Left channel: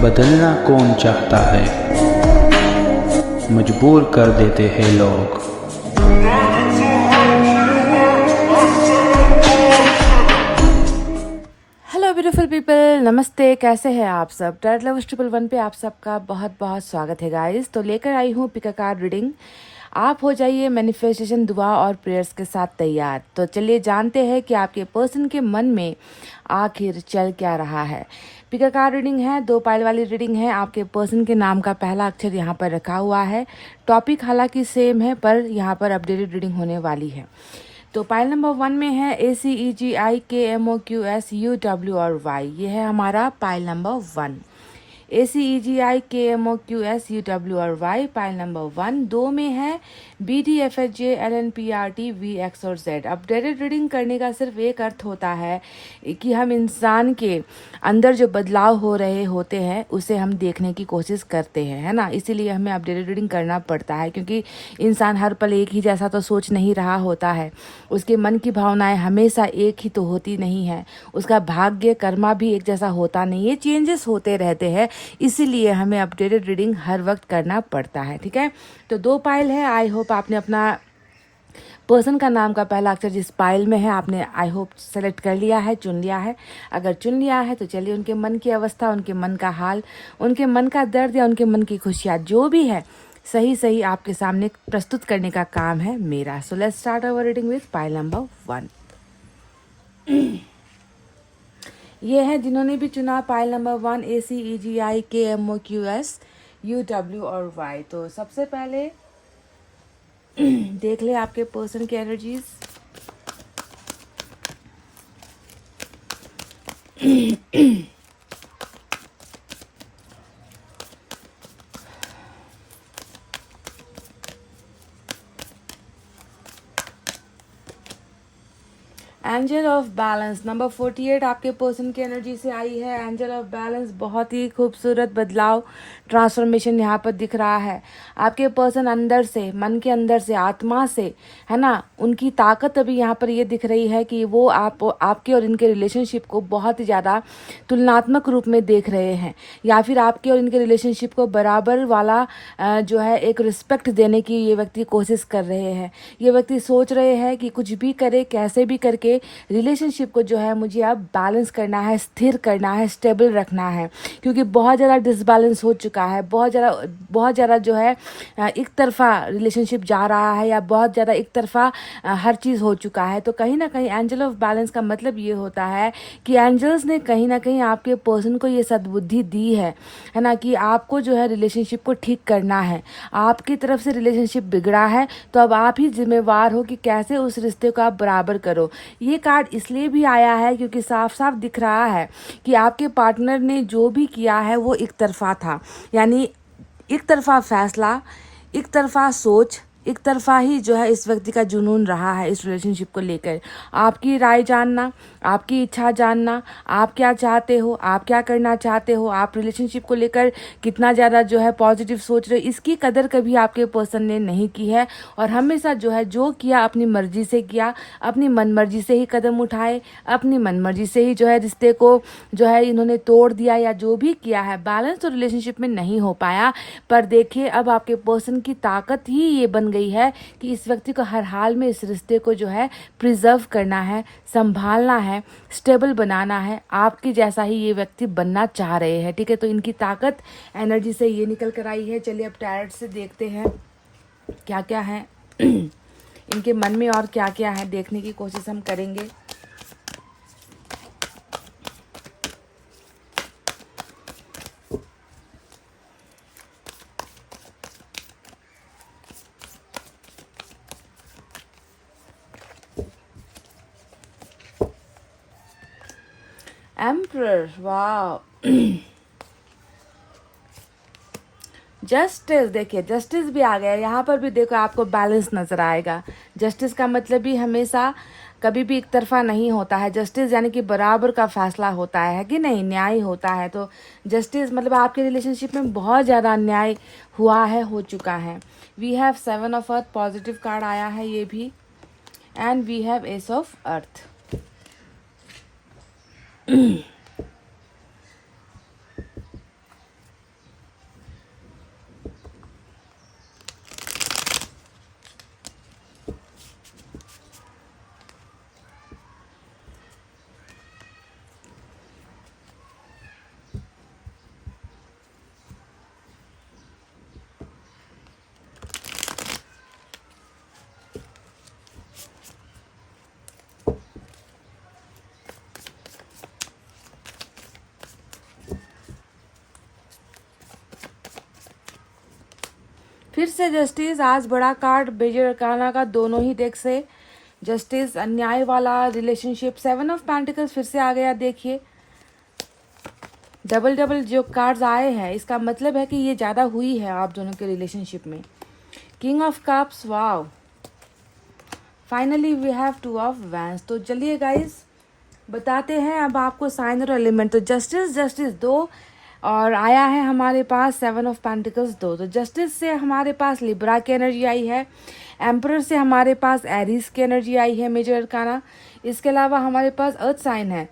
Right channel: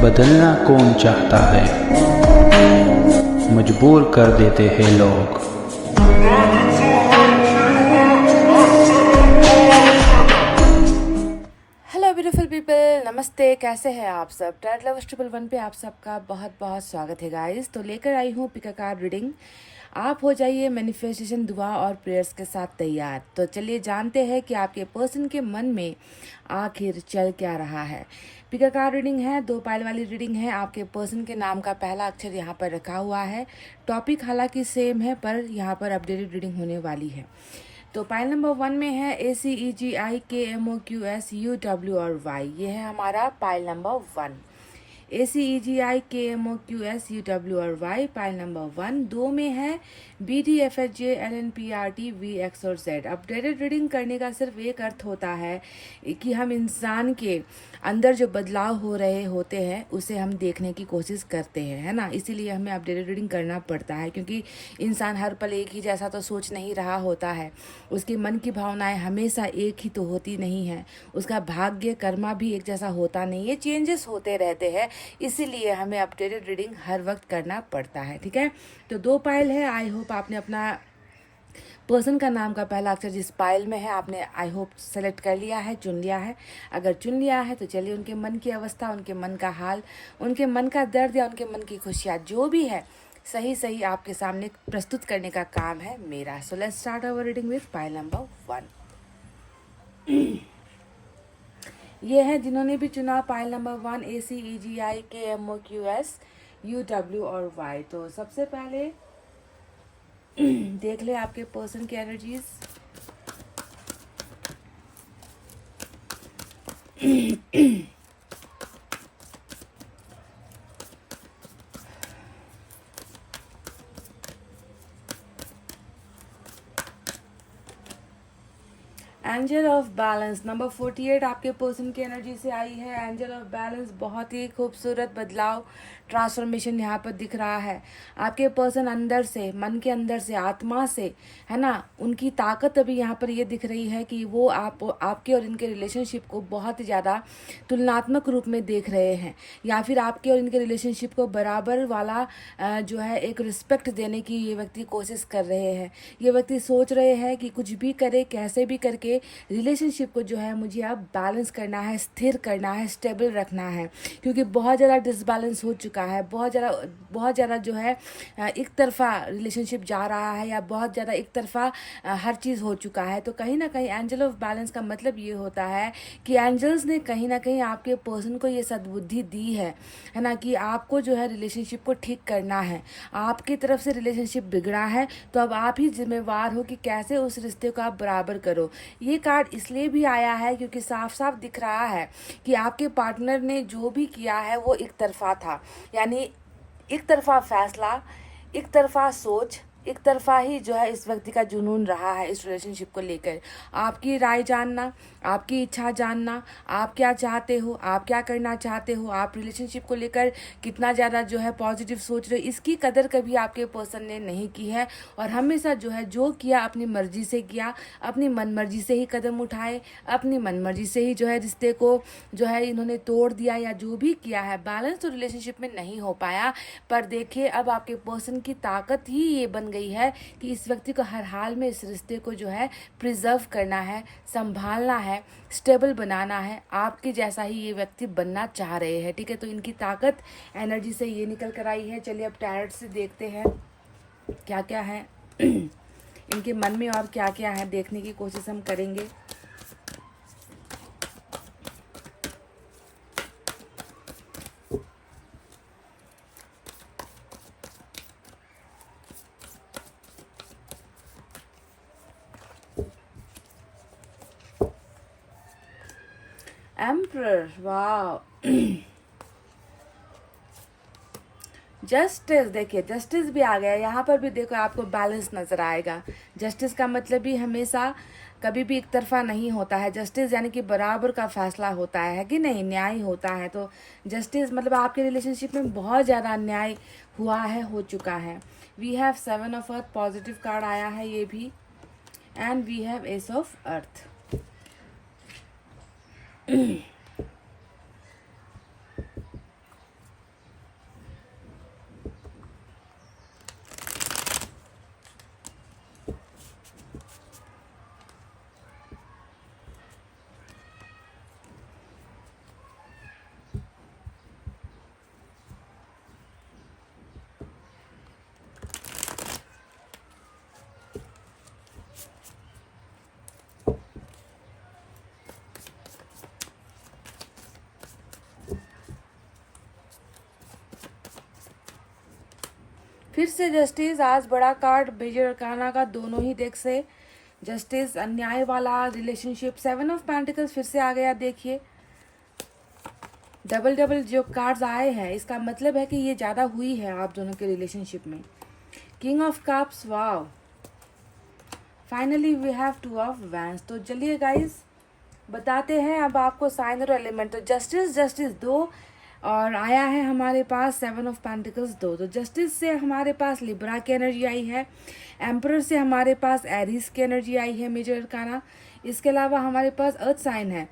बदलना कौन चाहता है, मजबूर कर देते हैं लोग। हेलो ब्यूटीफुल पीपल, नमस्ते। कैसे हैं आप सब? टैरोट लवर्स 111 पे आप सबका बहुत बहुत स्वागत है गाइस। तो लेकर आई हूँ पिक अ कार्ड रीडिंग। आप हो जाइए मैनिफेस्टेशन, दुआ और प्रेयर्स के साथ तैयार। तो चलिए जानते हैं कि आपके पर्सन के मन में आखिर चल क्या रहा है। पिक अ कार्ड रीडिंग है, 2 पाइल वाली रीडिंग है। आपके पर्सन के नाम का पहला अक्षर यहाँ पर रखा हुआ है। टॉपिक हालांकि सेम है, पर यहाँ पर अपडेटेड रीडिंग होने वाली है। तो पाइल नंबर 1 में है ACEGIKMOQSUW और Y। ये है हमारा पाइल नंबर 1। ACEGIKMOQSUW और Y पाइल नंबर 1। 2 में है BDFHJLNPRTVX और Z। अपडेटेड रीडिंग करने का सिर्फ एक अर्थ होता है कि हम इंसान के अंदर जो बदलाव हो रहे होते हैं उसे हम देखने की कोशिश करते हैं, है ना। इसीलिए हमें अपडेटेड रीडिंग करना पड़ता है, क्योंकि इंसान हर पल एक ही जैसा तो सोच नहीं रहा होता है। उसके मन की भावनाएं हमेशा एक ही तो होती नहीं है। उसका भाग्य कर्मा भी एक जैसा होता नहीं है, चेंजेस होते रहते हैं। इसीलिए हमें अपडेटेड रीडिंग हर वक्त करना पड़ता है, ठीक है। तो 2 पाइल है। आई होप आपने अपना पर्सन का नाम का पहला अक्षर जिस पाइल में है आपने आई होप सेलेक्ट कर लिया है, चुन लिया है। अगर चुन लिया है तो चलिए उनके मन की अवस्था, उनके मन का हाल, उनके मन का दर्द या उनके मन की खुशियाँ जो भी है सही सही आपके सामने प्रस्तुत करने का काम है मेरा। So let's start our reading with pile number 1। ये है जिन्होंने भी चुना पाइल नंबर 1 ACEGIKMOQSUW और Y। तो सबसे पहले देख ले आपके पर्सन की energies. Angel of balance number 48 आपके पर्सन की एनर्जी से आई है। एंजल ऑफ बैलेंस, बहुत ही खूबसूरत बदलाव, ट्रांसफॉर्मेशन यहाँ पर दिख रहा है। आपके पर्सन अंदर से, मन के अंदर से, आत्मा से, है ना, उनकी ताकत अभी यहाँ पर ये दिख रही है कि वो आपके और इनके रिलेशनशिप को बहुत ही ज़्यादा तुलनात्मक रूप में देख रहे हैं, या फिर आपके और इनके रिलेशनशिप को बराबर वाला जो है एक रिस्पेक्ट देने की ये व्यक्ति कोशिश कर रहे हैं। ये व्यक्ति सोच रहे हैं कि कुछ भी करे, कैसे भी करके रिलेशनशिप को जो है मुझे अब बैलेंस करना है, स्थिर करना है, स्टेबल रखना है, क्योंकि बहुत ज़्यादा डिसबैलेंस हो चुका है। बहुत ज़्यादा जो है एक तरफा रिलेशनशिप जा रहा है, या बहुत ज़्यादा एक तरफा हर चीज़ हो चुका है। तो कहीं ना कहीं एंजल ऑफ बैलेंस का मतलब ये होता है कि एंजल्स ने कहीं ना कहीं आपके पर्सन को ये सद्बुद्धि दी है ना, कि आपको जो है रिलेशनशिप को ठीक करना है। आपकी तरफ से रिलेशनशिप बिगड़ा है तो अब आप ही जिम्मेवार हो कि कैसे उस रिश्ते को आप बराबर करो। ये कार्ड इसलिए भी आया है क्योंकि साफ साफ दिख रहा है कि आपके पार्टनर ने जो भी किया है वो एक तरफा था, यानी एक तरफा फैसला, एक तरफा सोच, एक तरफा ही जो है इस व्यक्ति का जुनून रहा है इस रिलेशनशिप को लेकर। आपकी राय जानना, आपकी इच्छा जानना, आप क्या चाहते हो, आप क्या करना चाहते हो, आप रिलेशनशिप को लेकर कितना ज़्यादा जो है पॉजिटिव सोच रहे हो, इसकी कदर कभी आपके पर्सन ने नहीं की है। और हमेशा जो है जो किया अपनी मर्जी से किया, अपनी मन मर्जी से ही कदम उठाए, अपनी मन मर्जी से ही जो है रिश्ते को जो है इन्होंने तोड़ दिया, या जो भी किया है बैलेंस तो रिलेशनशिप में नहीं हो पाया। पर देखिए अब आपके पर्सन की ताकत ही ये बन गई है कि इस व्यक्ति को हर हाल में इस रिश्ते को जो है प्रिजर्व करना है, संभालना है, स्टेबल बनाना है। आपके जैसा ही ये व्यक्ति बनना चाह रहे हैं, ठीक है। तो इनकी ताकत एनर्जी से ये निकल कर आई है। चलिए अब टैरोट से देखते हैं क्या क्या है इनके मन में और क्या क्या है, देखने की कोशिश हम करेंगे। एम्परर, वाह। जस्टिस, देखिए जस्टिस भी आ गया यहाँ पर भी। देखो आपको बैलेंस नजर आएगा। जस्टिस का मतलब भी हमेशा कभी भी एक तरफा नहीं होता है। जस्टिस यानी कि बराबर का फैसला होता है कि नहीं, न्याय होता है। तो जस्टिस मतलब आपके रिलेशनशिप में बहुत ज़्यादा अन्याय हुआ है, हो चुका है। We have 7 of earth, positive card आया है ये भी। And we have ace of earth. फिर से जस्टिस, आज बड़ा कार्ड मेजर अरकाना का दोनों ही डेक से जस्टिस, अन्याय वाला रिलेशनशिप, 7 ऑफ पेंटिकल्स फिर से आ गया। देखिए डबल डबल जो कार्ड्स आए हैं, इसका मतलब है कि ये ज़्यादा हुई है आप दोनों के रिलेशनशिप में। King of cups, wow, finally we have 2 of wands. तो चलिए गाइस बताते हैं अब आपको साइन और एलिमेंट। तो जस्टिस जस्टिस 2 और आया है हमारे पास 7 ऑफ पेंटिकल्स 2। तो जस्टिस से हमारे पास लिब्रा की एनर्जी आई है, एम्परर से हमारे पास एरीज की एनर्जी आई है मेजर अरकाना। इसके अलावा हमारे पास अर्थ साइन है,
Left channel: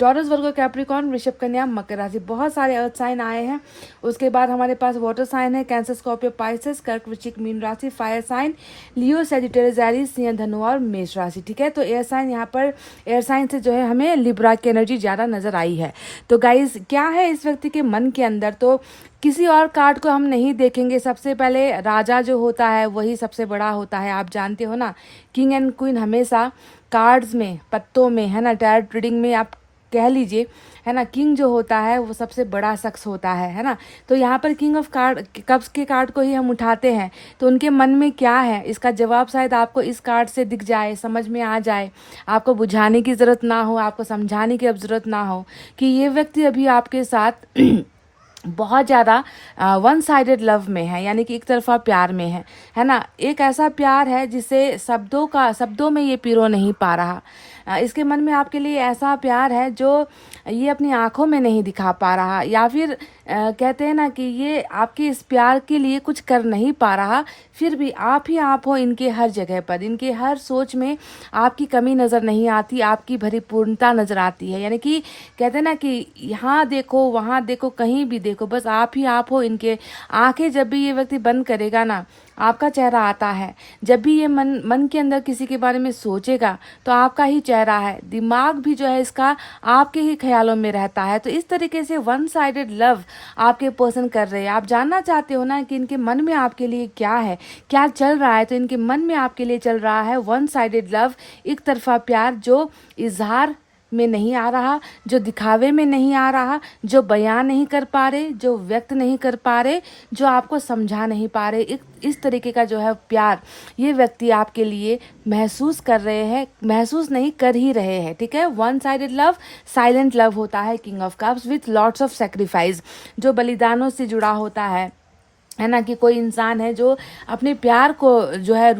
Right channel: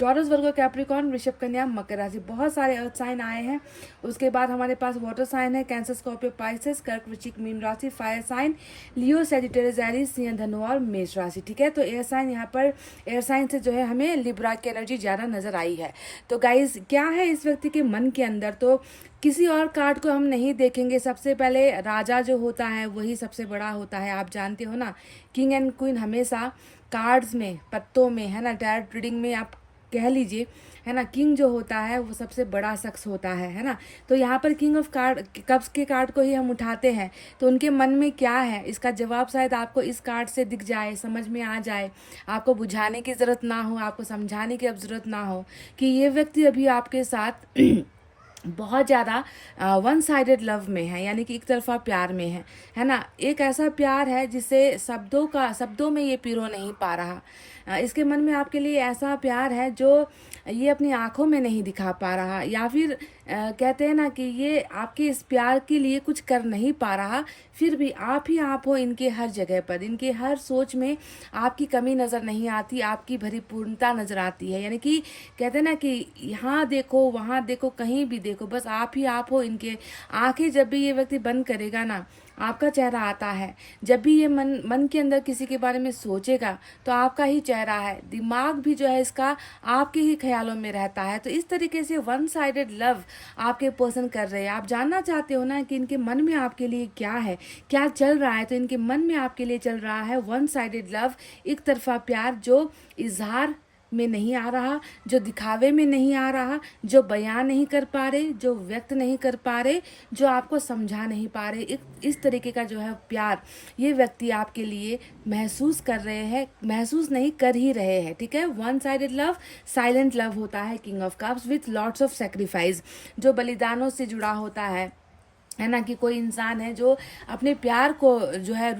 टॉरस, वर्गो, कैप्रिकॉर्न, वृषभ, कन्या, मकर राशि, बहुत सारे अर्थ साइन आए हैं। उसके बाद हमारे पास वाटर साइन है, कैंसर, स्कॉर्पियो, पाइसेस, कर्क, वृश्चिक, मीन राशि, फायर साइन लियो, सेजिटेरियस, एरीज, सिंह, धनु और मेष राशि। ठीक है, तो एयर साइन, यहाँ पर एयर साइन से जो है हमें लिब्रा की एनर्जी ज़्यादा नजर आई है। तो गाइज क्या है इस व्यक्ति के मन के अंदर, तो किसी और कार्ड को हम नहीं देखेंगे। सबसे पहले राजा जो होता है वही सबसे बड़ा होता है, आप जानते हो ना। किंग एंड क्वीन हमेशा कार्ड्स में, पत्तों में, है ना, टैरोट रीडिंग में आप कह लीजिए, है ना, किंग जो होता है वो सबसे बड़ा शख्स होता है ना। तो यहाँ पर किंग ऑफ कार्ड कप्स के कार्ड को ही हम उठाते हैं, तो उनके मन में क्या है इसका जवाब शायद आपको इस कार्ड से दिख जाए, समझ में आ जाए। आपको बुझाने की ज़रूरत ना हो, आपको समझाने की अब ज़रूरत ना हो कि ये व्यक्ति अभी आपके साथ बहुत ज़्यादा वन साइडेड लव में है, यानी कि एक तरफा प्यार में है ना। एक ऐसा प्यार है जिसे शब्दों में ये पिरो नहीं पा रहा। इसके मन में आपके लिए ऐसा प्यार है जो ये अपनी आंखों में नहीं दिखा पा रहा, या फिर कहते हैं ना कि ये आपके इस प्यार के लिए कुछ कर नहीं पा रहा, फिर भी आप ही आप हो इनके हर जगह पर। इनके हर सोच में आपकी कमी नज़र नहीं आती, आपकी भरीपूर्णता नज़र आती है। यानी कि कहते हैं ना कि यहाँ देखो, वहाँ देखो, कहीं भी देखो, बस आप ही आप हो इनके। आंखें जब भी ये व्यक्ति बंद करेगा ना, आपका चेहरा आता है। जब भी ये मन के अंदर किसी के बारे में सोचेगा तो आपका ही चेहरा है। दिमाग भी जो है इसका आपके ही ख्यालों में रहता है। तो इस तरीके से वन साइडेड लव आपके पर्सन कर रहे हैं। आप जानना चाहते हो ना कि इनके मन में आपके लिए क्या है, क्या चल रहा है। तो इनके मन में आपके लिए चल रहा है वन साइडेड लव, एक तरफा प्यार जो इजहार में नहीं आ रहा, जो दिखावे में नहीं आ रहा, जो बयान नहीं कर पा रहे, जो व्यक्त नहीं कर पा रहे, जो आपको समझा नहीं पा रहे। इस तरीके का जो है प्यार ये व्यक्ति आपके लिए महसूस कर रहे हैं, महसूस नहीं कर ही रहे हैं। ठीक है, one sided love silent love होता है king of cups with lots of sacrifice, जो बलिदानों से जुड़ा होता है ना। कि कोई इंसान है जो अपने प्यार को जो है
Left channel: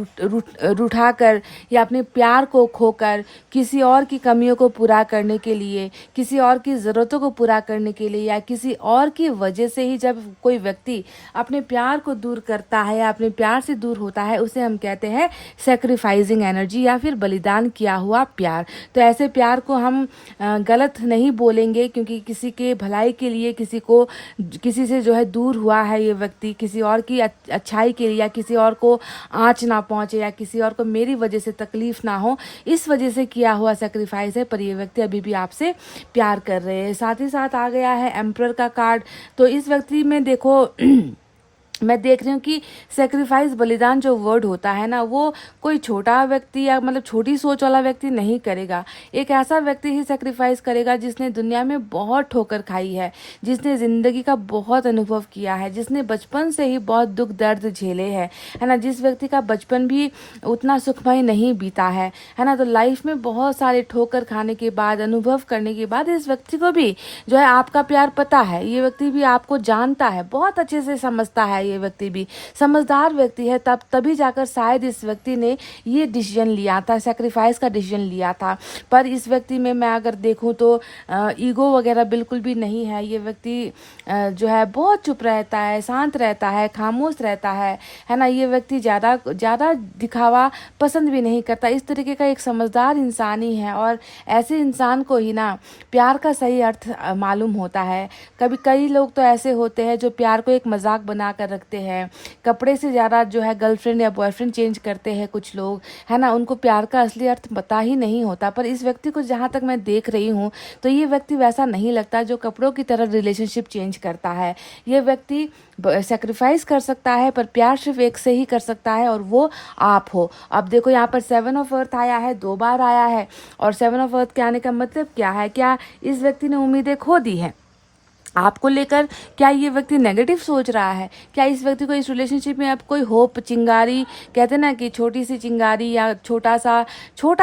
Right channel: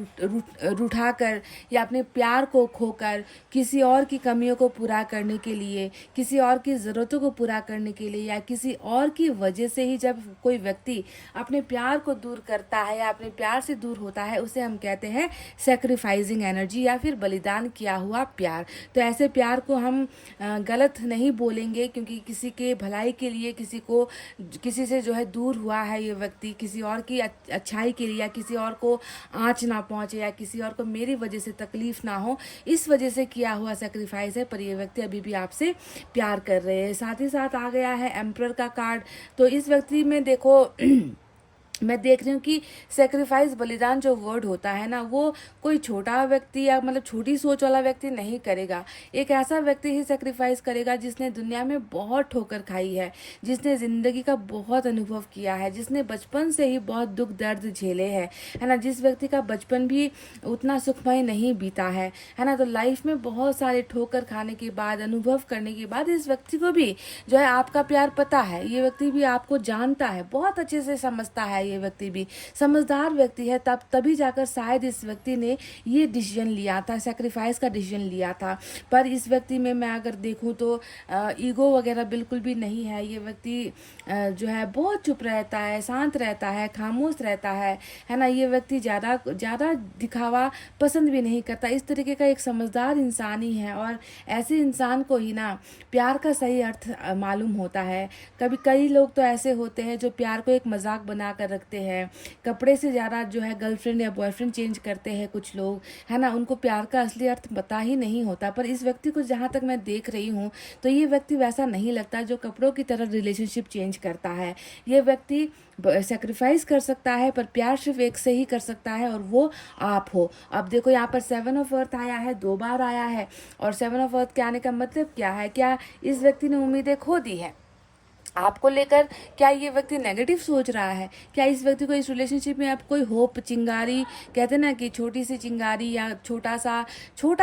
रूठा कर या अपने प्यार को खोकर किसी और की कमियों को पूरा करने के लिए, किसी और की ज़रूरतों को पूरा करने के लिए, या किसी और की वजह से ही जब कोई व्यक्ति अपने प्यार को दूर करता है या अपने प्यार से दूर होता है, उसे हम कहते हैं सेक्रीफाइसिंग एनर्जी या फिर बलिदान किया हुआ प्यार। तो ऐसे प्यार को हम गलत नहीं बोलेंगे, क्योंकि किसी के भलाई के लिए किसी से जो है दूर हुआ है ये व्यक्ति, किसी और की अच्छाई के लिए, या किसी और को आँच ना पहुँचे, या किसी और को मेरी वजह से तकलीफ ना हो, इस वजह से किया हुआ सेक्रीफाइस है। पर ये व्यक्ति अभी भी आपसे प्यार कर रहे हैं। साथ ही साथ आ गया है एम्परर का कार्ड। तो इस व्यक्ति में देखो मैं देख रही हूँ कि सेक्रीफाइस, बलिदान जो वर्ड होता है ना, वो कोई छोटा व्यक्ति या मतलब छोटी सोच वाला व्यक्ति नहीं करेगा। एक ऐसा व्यक्ति ही सेक्रीफाइस करेगा जिसने दुनिया में बहुत ठोकर खाई है, जिसने ज़िंदगी का बहुत अनुभव किया है, जिसने बचपन से ही बहुत दुख दर्द झेले हैं, है ना। जिस व्यक्ति का बचपन भी उतना सुखमय नहीं बीता है ना। तो लाइफ में बहुत सारे ठोकर खाने के बाद, अनुभव करने के बाद इस व्यक्ति को भी जो है आपका प्यार पता है। ये व्यक्ति भी आपको जानता है, बहुत अच्छे से समझता है। ये व्यक्ति भी समझदार व्यक्ति है, तभी जाकर शायद इस व्यक्ति ने ये डिसीजन लिया था, सेक्रीफाइस का डिसीजन लिया था। पर इस व्यक्ति में मैं अगर देखूं तो ईगो वगैरह बिल्कुल भी नहीं है। ये व्यक्ति जो है बहुत चुप रहता है, शांत रहता है, खामोश रहता है ना। ये व्यक्ति ज़्यादा दिखावा पसंद भी नहीं करता। इस तरीके का एक समझदार इंसान ही है, और ऐसे इंसान को ही ना प्यार का सही अर्थ मालूम होता है। कई लोग तो ऐसे होते हैं जो प्यार को एक मजाक बना कर रखते हैं, कपड़े से ज़्यादा जो है गर्लफ्रेंड या बॉयफ्रेंड चेंज करते हैं कुछ लोग, है ना। उनको प्यार का असली अर्थ पता ही नहीं होता। पर इस व्यक्ति को जहाँ तक मैं देख रही हूँ तो ये व्यक्ति वैसा नहीं लगता जो कपड़ों की तरह रिलेशनशिप चेंज करता है। ये व्यक्ति सेक्रीफाइस कर सकता है, पर प्यार सिर्फ एक से ही कर सकता है, और वो आप हो। अब देखो यहाँ पर 7 ऑफ अर्थ आया है, 2 बार आया है, और 7 ऑफ अर्थ के आने का मतलब क्या है? क्या इस व्यक्ति ने उम्मीदें खो दी है? आपको लेकर क्या ये व्यक्ति नेगेटिव सोच रहा है? क्या इस व्यक्ति को इस रिलेशनशिप में अब कोई होप, चिंगारी, कहते हैं ना कि छोटी सी चिंगारी या छोटा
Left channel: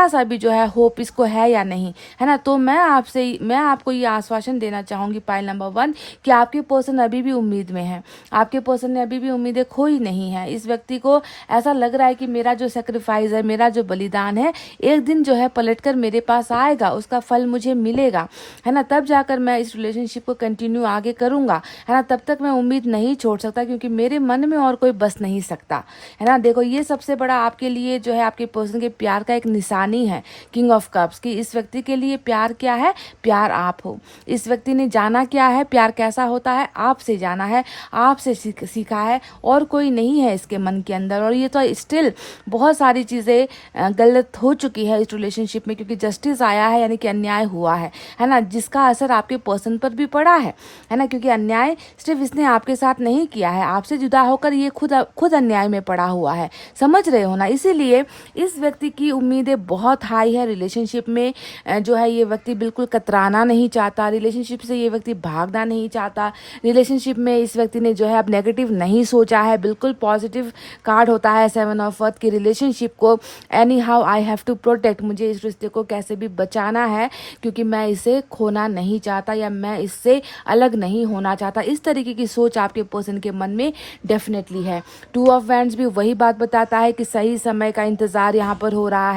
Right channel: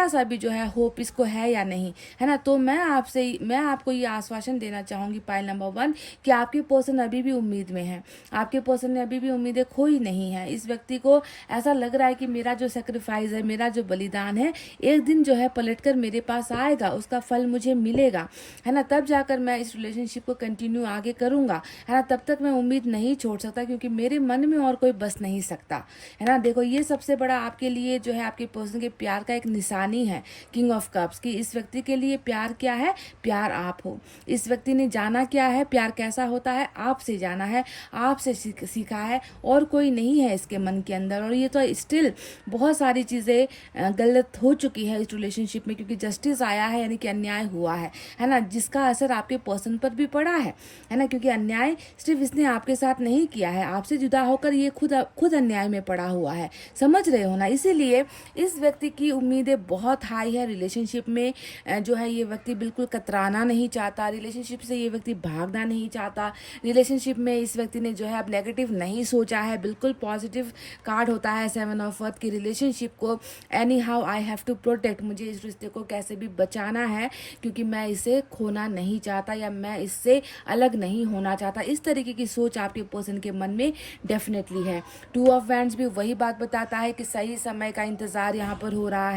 सा भी जो है होप इसको है या नहीं, है ना? तो मैं आपको ये आश्वासन देना चाहूँगी पाइल नंबर 1 कि आपके पर्सन अभी भी उम्मीद में है। आपके पर्सन ने अभी भी उम्मीदें खोई नहीं है। इस व्यक्ति को ऐसा लग रहा है कि मेरा जो सेक्रीफाइस है, मेरा जो बलिदान है, एक दिन जो है पलट कर मेरे पास आएगा, उसका फल मुझे मिलेगा, है ना? तब जाकर मैं इस रिलेशनशिप को कंटिन्यू आगे करूंगा, है ना? तब तक मैं उम्मीद नहीं छोड़ सकता, क्योंकि मेरे मन में और कोई बस नहीं सकता, है ना? देखो, ये सबसे बड़ा आपके लिए जो है आपके पर्सन के प्यार का एक निशानी है, किंग ऑफ कप्स की। इस व्यक्ति के लिए प्यार क्या है? प्यार आप हो। इस व्यक्ति ने जाना क्या है, प्यार कैसा होता है, आपसे जाना है, आपसे सीखा है, और कोई नहीं है इसके मन के अंदर। और ये तो स्टिल बहुत सारी चीज़ें गलत हो चुकी है इस रिलेशनशिप में, क्योंकि जस्टिस आया है, यानी कि अन्याय हुआ है ना? जिसका असर आपके पर्सन पर भी पड़ा है ना? क्योंकि अन्याय सिर्फ इसने आपके साथ नहीं किया है, आपसे जुदा होकर ये खुद अन्याय में पड़ा हुआ है। समझ रहे हो ना? इसीलिए इस व्यक्ति की उम्मीदें बहुत हाई है रिलेशनशिप में। जो है ये व्यक्ति बिल्कुल कतराना नहीं चाहता, रिलेशनशिप से ये व्यक्ति भागना नहीं चाहता। रिलेशनशिप में इस व्यक्ति ने जो है अब नेगेटिव नहीं सोचा है, बिल्कुल पॉजिटिव कार्ड होता है 7 ऑफ अर्थ की रिलेशनशिप को। Any how I have to protect, मुझे इस रिश्ते को कैसे भी बचाना है, क्योंकि मैं इसे खोना नहीं चाहता, या मैं इससे अलग नहीं होना चाहता। इस तरीके की सोच आपके पर्सन के मन में डेफिनेटली है। 2 ऑफ वैंड्स भी वही बात बताता है कि सही समय का इंतज़ार यहाँ पर हो रहा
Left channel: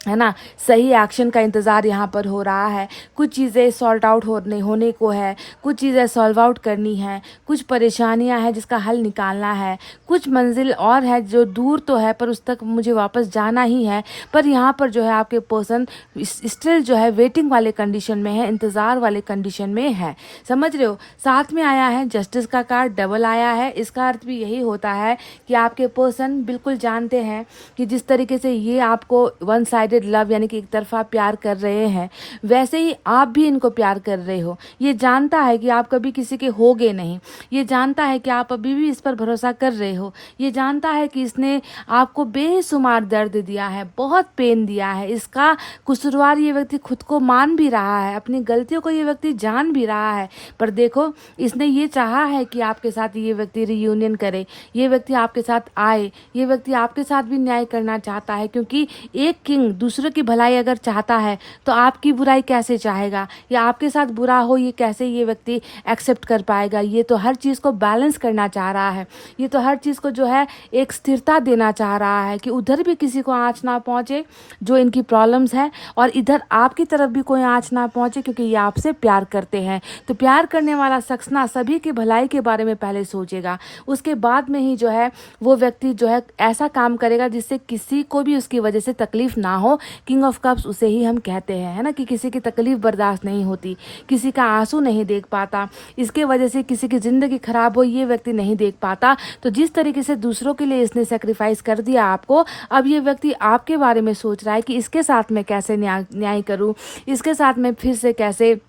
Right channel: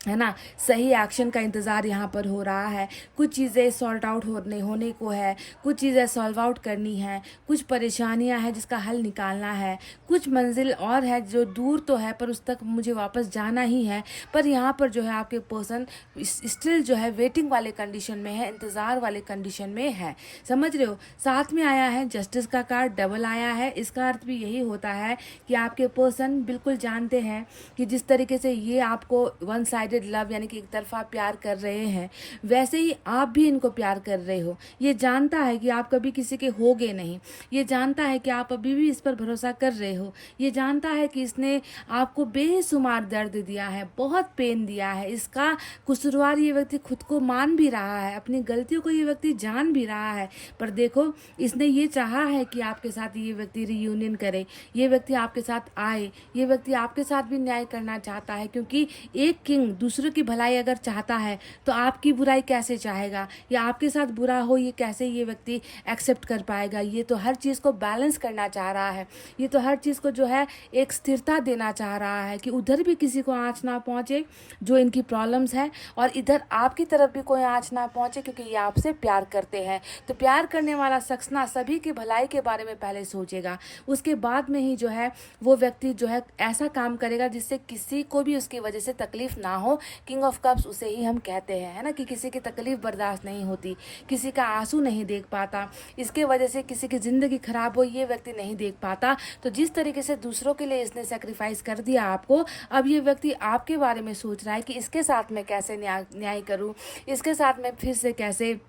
है ना? सही एक्शन का इंतज़ार यहाँ पर हो रहा है। कुछ चीज़ें सॉर्ट आउट होने को है, कुछ चीज़ें सॉल्व आउट करनी है, कुछ परेशानियाँ हैं जिसका हल निकालना है, कुछ मंजिल और है जो दूर तो है पर उस तक मुझे वापस जाना ही है। पर यहाँ पर जो है आपके पर्सन स्टिल जो है वेटिंग वाले कंडीशन में है, इंतज़ार वाले कंडीशन में है। समझ रहे हो? साथ में आया है जस्टिस का कार्ड, डबल आया है। इसका अर्थ भी यही होता है कि आपके पर्सन बिल्कुल जानते हैं कि जिस तरीके से ये आपको वन साइड लव यानी कि एक तरफा प्यार कर रहे हैं, वैसे ही आप भी इनको प्यार कर रहे हो। ये जानता है कि आप कभी किसी के होगे नहीं, ये जानता है कि आप अभी भी इस पर भरोसा कर रहे हो, ये जानता है कि इसने आपको बेशुमार दर्द दिया है, बहुत पेन दिया है। इसका कसूरवार ये व्यक्ति खुद को मान भी रहा है, अपनी गलतियों को ये व्यक्ति जान भी रहा है। पर देखो, इसने ये चाहा है कि आपके साथ ये व्यक्ति रियूनियन करे, ये व्यक्ति आपके साथ आए, ये व्यक्ति आपके साथ भी न्याय करना चाहता है, क्योंकि एक किंग दूसरों की भलाई अगर चाहता है तो आपकी बुराई कैसे चाहेगा, या आपके साथ बुरा हो ये कैसे ये व्यक्ति एक्सेप्ट कर पाएगा? ये तो हर चीज़ को बैलेंस करना चाह रहा है, ये तो हर चीज़ को जो है एक स्थिरता देना चाह रहा है कि उधर भी किसी को आँच ना पहुँचे जो इनकी प्रॉब्लम्स है, और इधर आपकी तरफ भी कोई आँच ना पहुँचे, क्योंकि ये आपसे प्यार करते हैं। तो प्यार करने वाला शख्स ना सभी की भलाई के बारे में पहले सोचेगा, उसके बाद में ही जो है वो व्यक्ति जो है ऐसा काम करेगा जिससे किसी को भी उसकी वजह से तकलीफ ना हो। किंग ऑफ कप्स उसे ही हम कहते हैं, है ना? कि किसी की तकलीफ बर्दाश्त नहीं होती, किसी का आंसू नहीं देख पाता, इसके वजह से किसी की ज़िंदगी खराब हो ये व्यक्ति नहीं देख पाता। तो जिस तरीके से दूसरों के लिए इसने सेक्रीफाइस कर दिया आपको, अब ये व्यक्ति आपके बारे में सोच रहा है कि इसके साथ में कैसे न्याय करूँ, इसके साथ में फिर से कैसे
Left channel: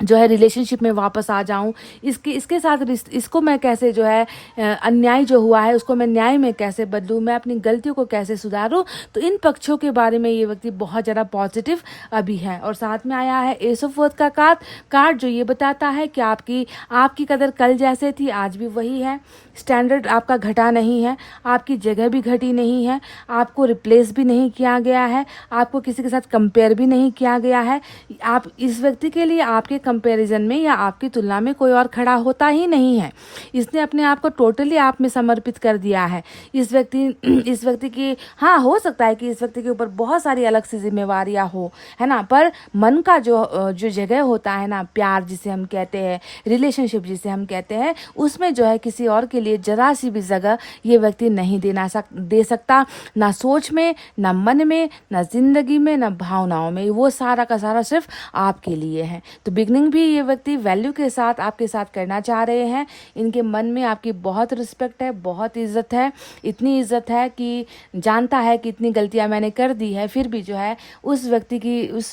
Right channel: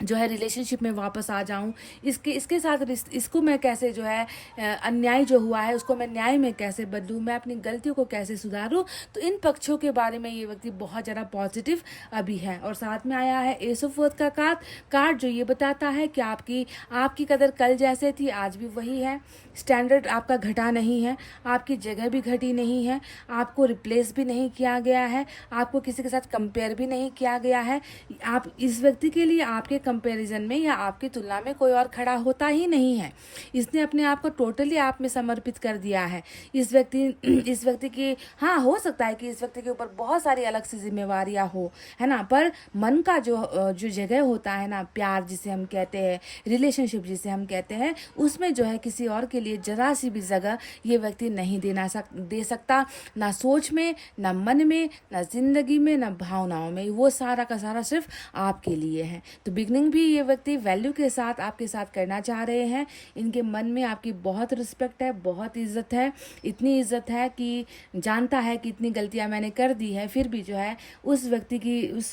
जो है रिलेशनशिप में वापस आ जाऊं, इसके साथ इसको मैं कैसे जो है अन्याय जो हुआ है उसको मैं न्याय में कैसे बदलूं, मैं अपनी गलतियों को कैसे सुधारूं। तो इन पक्षों के बारे में ये व्यक्ति बहुत ज़्यादा पॉजिटिव अभी है। और साथ में आया है एस ऑफ वर्थ का कार्ड जो ये बताता है कि आपकी कदर कल जैसे थी आज भी वही है, स्टैंडर्ड आपका घटा नहीं है, आपकी जगह भी घटी नहीं है, आपको रिप्लेस भी नहीं किया गया है, आपको किसी के साथ कंपेयर भी नहीं किया गया है। आप इस व्यक्ति के लिए आपके कंपैरिजन में या आपकी तुलना में कोई और खड़ा होता ही नहीं है। इसने अपने आप को टोटली आप में समर्पित कर दिया है। इस व्यक्ति की हाँ हो सकता है कि इस व्यक्ति के ऊपर बहुत सारी अलग सी जिम्मेवारियां हो, है ना? पर मन का जो जगह होता है ना, प्यार जिसे हम कहते हैं, रिलेशनशिप जिसे हम कहते हैं, उसमें जो है किसी और के लिए जरा सी भी जगह ये व्यक्ति नहीं दे सकता, ना सोच में, ना मन में, ना जिंदगी में, ना भावनाओं में। वो सारा का सारा सिर्फ आपके लिए है। तो बिगनिंग भी ये व्यक्ति वैल्यू के साथ आपके साथ करना चाह रहे हैं। इनके मन में आपकी बहुत रिस्पेक्ट है, बहुत इज्जत है, इतनी इज्जत है कि जानता है कि इतनी गलतियां मैंने कर दी है, फिर भी जो है उस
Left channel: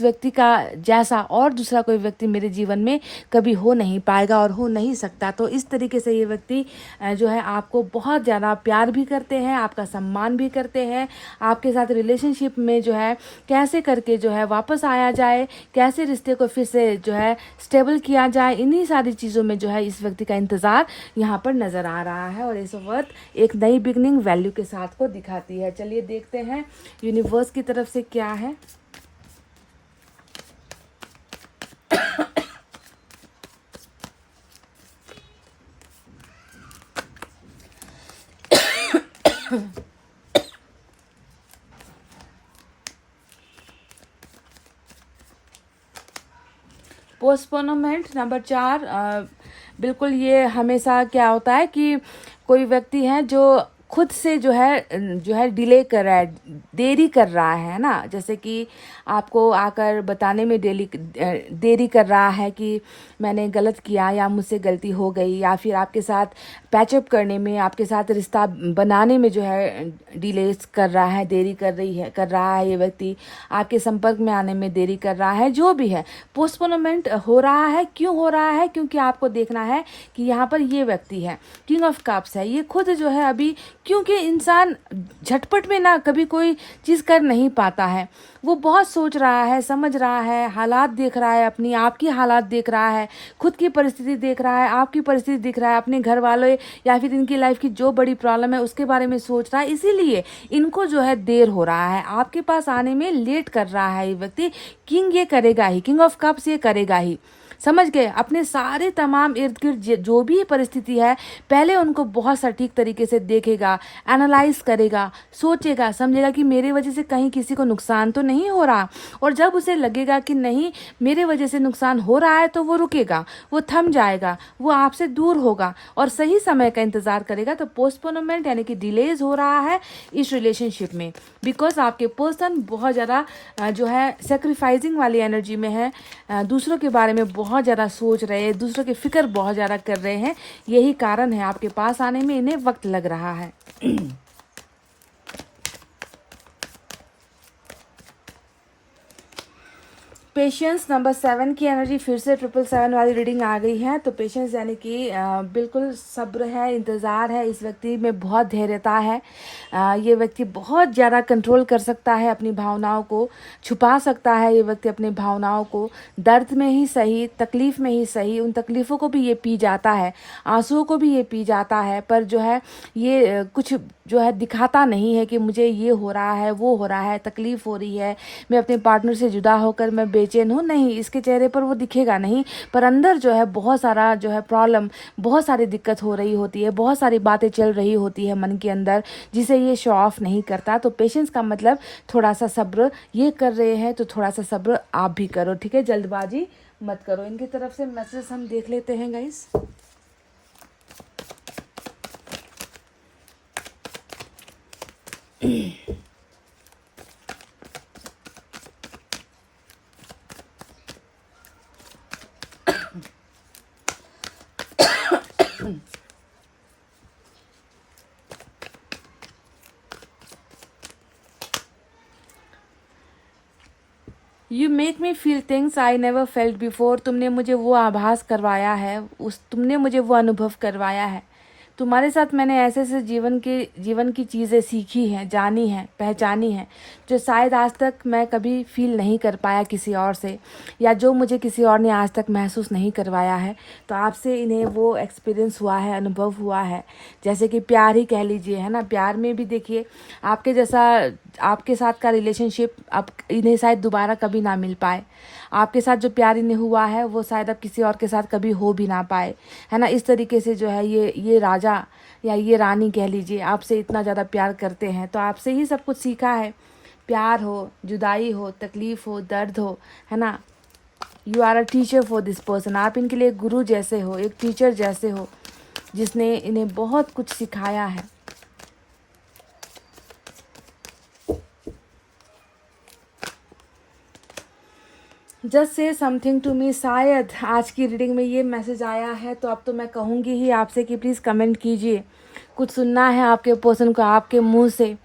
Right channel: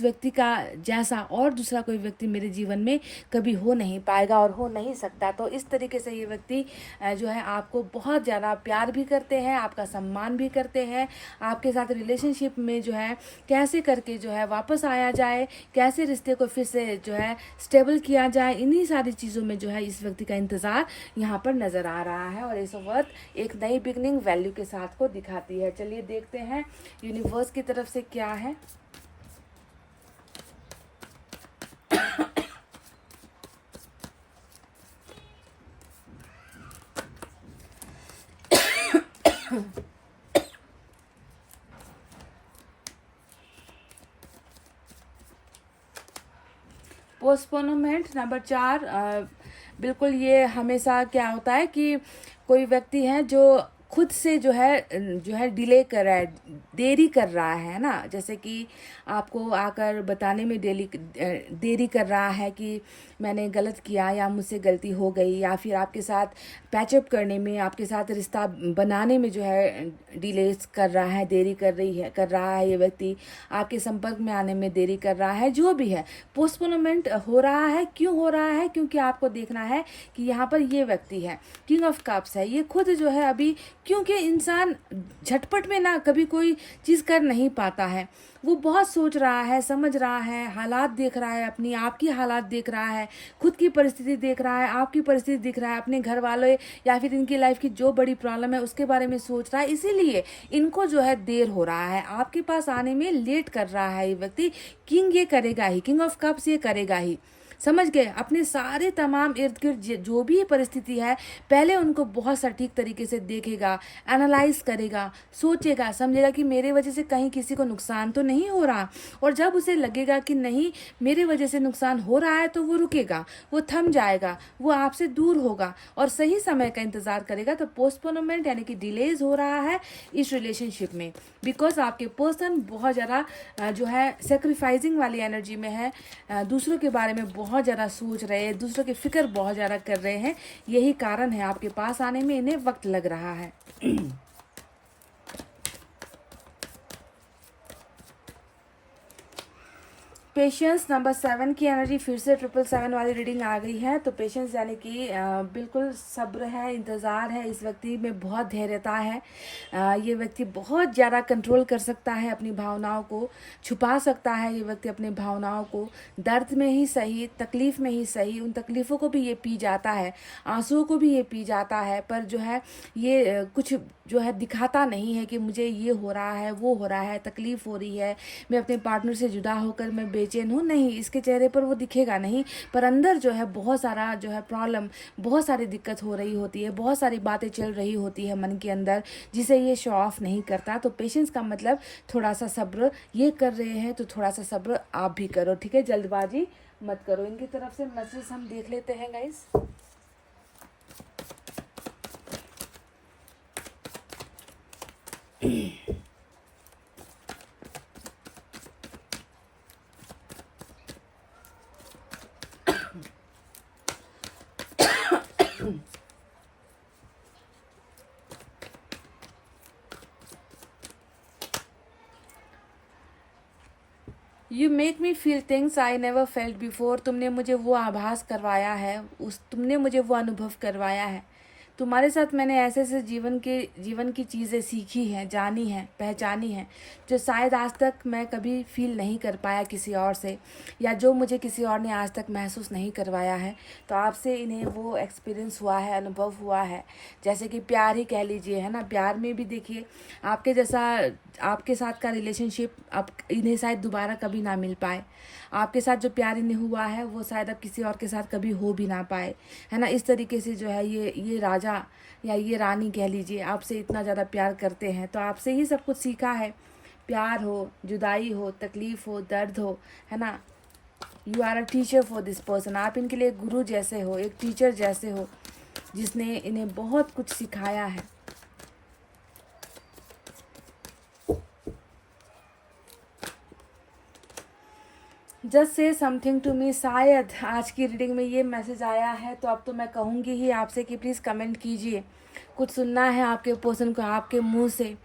व्यक्ति का जैसा और दूसरा कोई व्यक्ति मेरे जीवन में कभी हो नहीं पाएगा और हो नहीं सकता। तो इस तरीके से ये व्यक्ति जो है आपको बहुत ज़्यादा प्यार भी करते हैं, आपका सम्मान भी करते हैं। आपके साथ रिलेशनशिप में जो है कैसे करके जो है वापस आया जाए, कैसे रिश्ते को फिर से जो है स्टेबल किया जाए, इन्हीं सारी चीज़ों में जो है इस व्यक्ति का इंतज़ार यहाँ पर नज़र आ रहा है। और इस वक्त एक नई बिगनिंग वैल्यू के साथ को दिखाती है। चलिए देखते हैं यूनिवर्स की तरफ से क्या है। पोस्टपोनमेंट नंबर 4, बिल्कुल ये हमेशा क्या होता है कि कोई व्यक्ति है जो खुद से जो है डिले कर रहा है, देरी कर रहा है ना, जैसे कि आपको आकर बताने में देरी कर रहा है कि मैंने गलत किया या मुझसे गलती हो गई, या फिर आपके साथ पैचअप करने में, आपके साथ रिश्ता बनाने में जो है डिले कर रहा है, देरी कर रहा है। ये व्यक्ति आपके संपर्क में आने में देरी कर रहा है। जो भी है पोस्टपोनमेंट हो रहा है। क्यों हो रहा है? क्योंकि आपको देखना है कि यहाँ पर ये व्यक्ति है, किंग ऑफ कप्स है, ये खुद जो है अभी, क्योंकि इंसान झटपट में ना कभी कोई चीज़ कर नहीं पाता है, वो बहुत सोच रहा है, समझ रहा है, हालात देख रहा है, अपनी आपकी हालात देख रहा है, खुद की परिस्थिति देख रहा है, आपकी परिस्थिति देख रहा है, अपने घर वालों या फिर इनकी लाइफ की जो बड़ी प्रॉब्लम है उसके बारे में सोच रहा है। इसीलिए इनको जो है देर हो रहा है, आपके पास आने में लेट कर रहा है ये व्यक्ति। किंग ये करेगा ही, किंग ऑफ कप्स ये करेगा ही, समझ गए। अपने सारे तमाम इर्द गिर्द जो भी परिस्थिति है, पहले उनको बहुत सटीक तरीके से देखेगा, एनालाइज करेगा, सोचेगा, समझेगा कि मेरे वजह से कहीं किसी को नुकसान तो नहीं हो रहा। और जब उसे लगेगा कि नहीं मेरे वजह से नुकसान हो रहा है, तो वो रुकेगा, वो थम जाएगा, वो आपसे दूर होगा और सही समय का इंतजार करेगा। तो पोस्टपोनमेंट यानी कि डिलेज हो रहा है इस रिलेशनशिप में, बिकॉज आपके पर्सन बहुत ज़्यादा जो है सेक्रीफाइसिंग वाली एनर्जी में है, दूसरों के बारे में बहुत ज़्यादा सोच रहे हैं, दूसरों की फिक्र बहुत ज़्यादा कर रहे हैं। यही कारण है आपके पास आने में इन्हें वक्त लग रहा है। पेशेंस नंबर 7 की एनर्जी फिर से 777 वाली रीडिंग आ गई है। तो पेशेंस यानी कि बिल्कुल सब्र है, इंतज़ार है, इस व्यक्ति में बहुत धैर्यता है। ये व्यक्ति बहुत ज़्यादा कंट्रोल कर सकता है, अपनी भावनाओं को छुपा सकता है। ये व्यक्ति अपनी भावनाओं को दर्द में ही सही, तकलीफ़ में ही सही, उन तकलीफ़ों को भी ये पी जाता है, आंसुओं को भी ये पी जाता है, पर जो है ये कुछ जो है दिखाता नहीं है कि मुझे ये हो रहा है, वो हो रहा है, तकलीफ़ हो रही है, मैं अपने पार्टनर से जुदा होकर मैं बेचैन हूँ। नहीं, इसके चेहरे पर वो दिखेगा नहीं, पर अंदर जो है बहुत सारा जो है प्रॉब्लम, बहुत सारी दिक्कत हो रही होती है, बहुत सारी बातें चल रही होती है मन के अंदर, जिसे ये शो ऑफ नहीं करता। तो पेशेंस का मतलब थोड़ा सा सब्र, ये कर रहे हैं तो थोड़ा सा सब्र आप भी करो, ठीक है, जल्दबाजी मत करो। इनकी तरफ से मैसेज हम देख लेते हैं guys. You make me feel things I never felt before. तुमने मुझे वो आभास करवाया है, तुमने मुझे वो अनुभव करवाया है। तुम्हारे साथ मैंने ऐसे ऐसे जीवन की चीज़ें सीखी हैं, जानी हैं, पहचानी हैं, जो शायद आज तक मैं कभी फील नहीं कर पाया किसी और से, या जो मुझे किसी और ने आज तक महसूस नहीं करवाया है। तो आपसे इन्हें वो एक्सपीरियंस हुआ है, अनुभव हुआ है। जैसे कि प्यार ही कह लीजिए, है ना। प्यार में भी देखिए आपके जैसा, आपके साथ का रिलेशनशिप अब इन्हें शायद दोबारा कभी ना मिल पाए। आपके साथ जो प्यार इन्हें हुआ है वो शायद अब किसी और के साथ कभी हो भी ना पाए, है ना। इस तरीके से जो है ये राजा या ये रानी कह लीजिए आपसे इतना ज़्यादा प्यार करते हैं, तो आपसे ही सब कुछ सीखा है। प्यार हो, जुदाई हो, तकलीफ़ हो, दर्द हो, है ना। You are a teacher for this person. आप इनके लिए गुरु जैसे हो, एक टीचर जैसे हो, जिसने इन्हें बहुत कुछ सिखाया है। Just say something to me. शायद आज की रीडिंग में ये मैसेज आया है, तो अब तो मैं कहूँगी ही आपसे कि प्लीज़ कमेंट कीजिए। कुछ सुनना है आपके पर्सन को आपके मुंह से,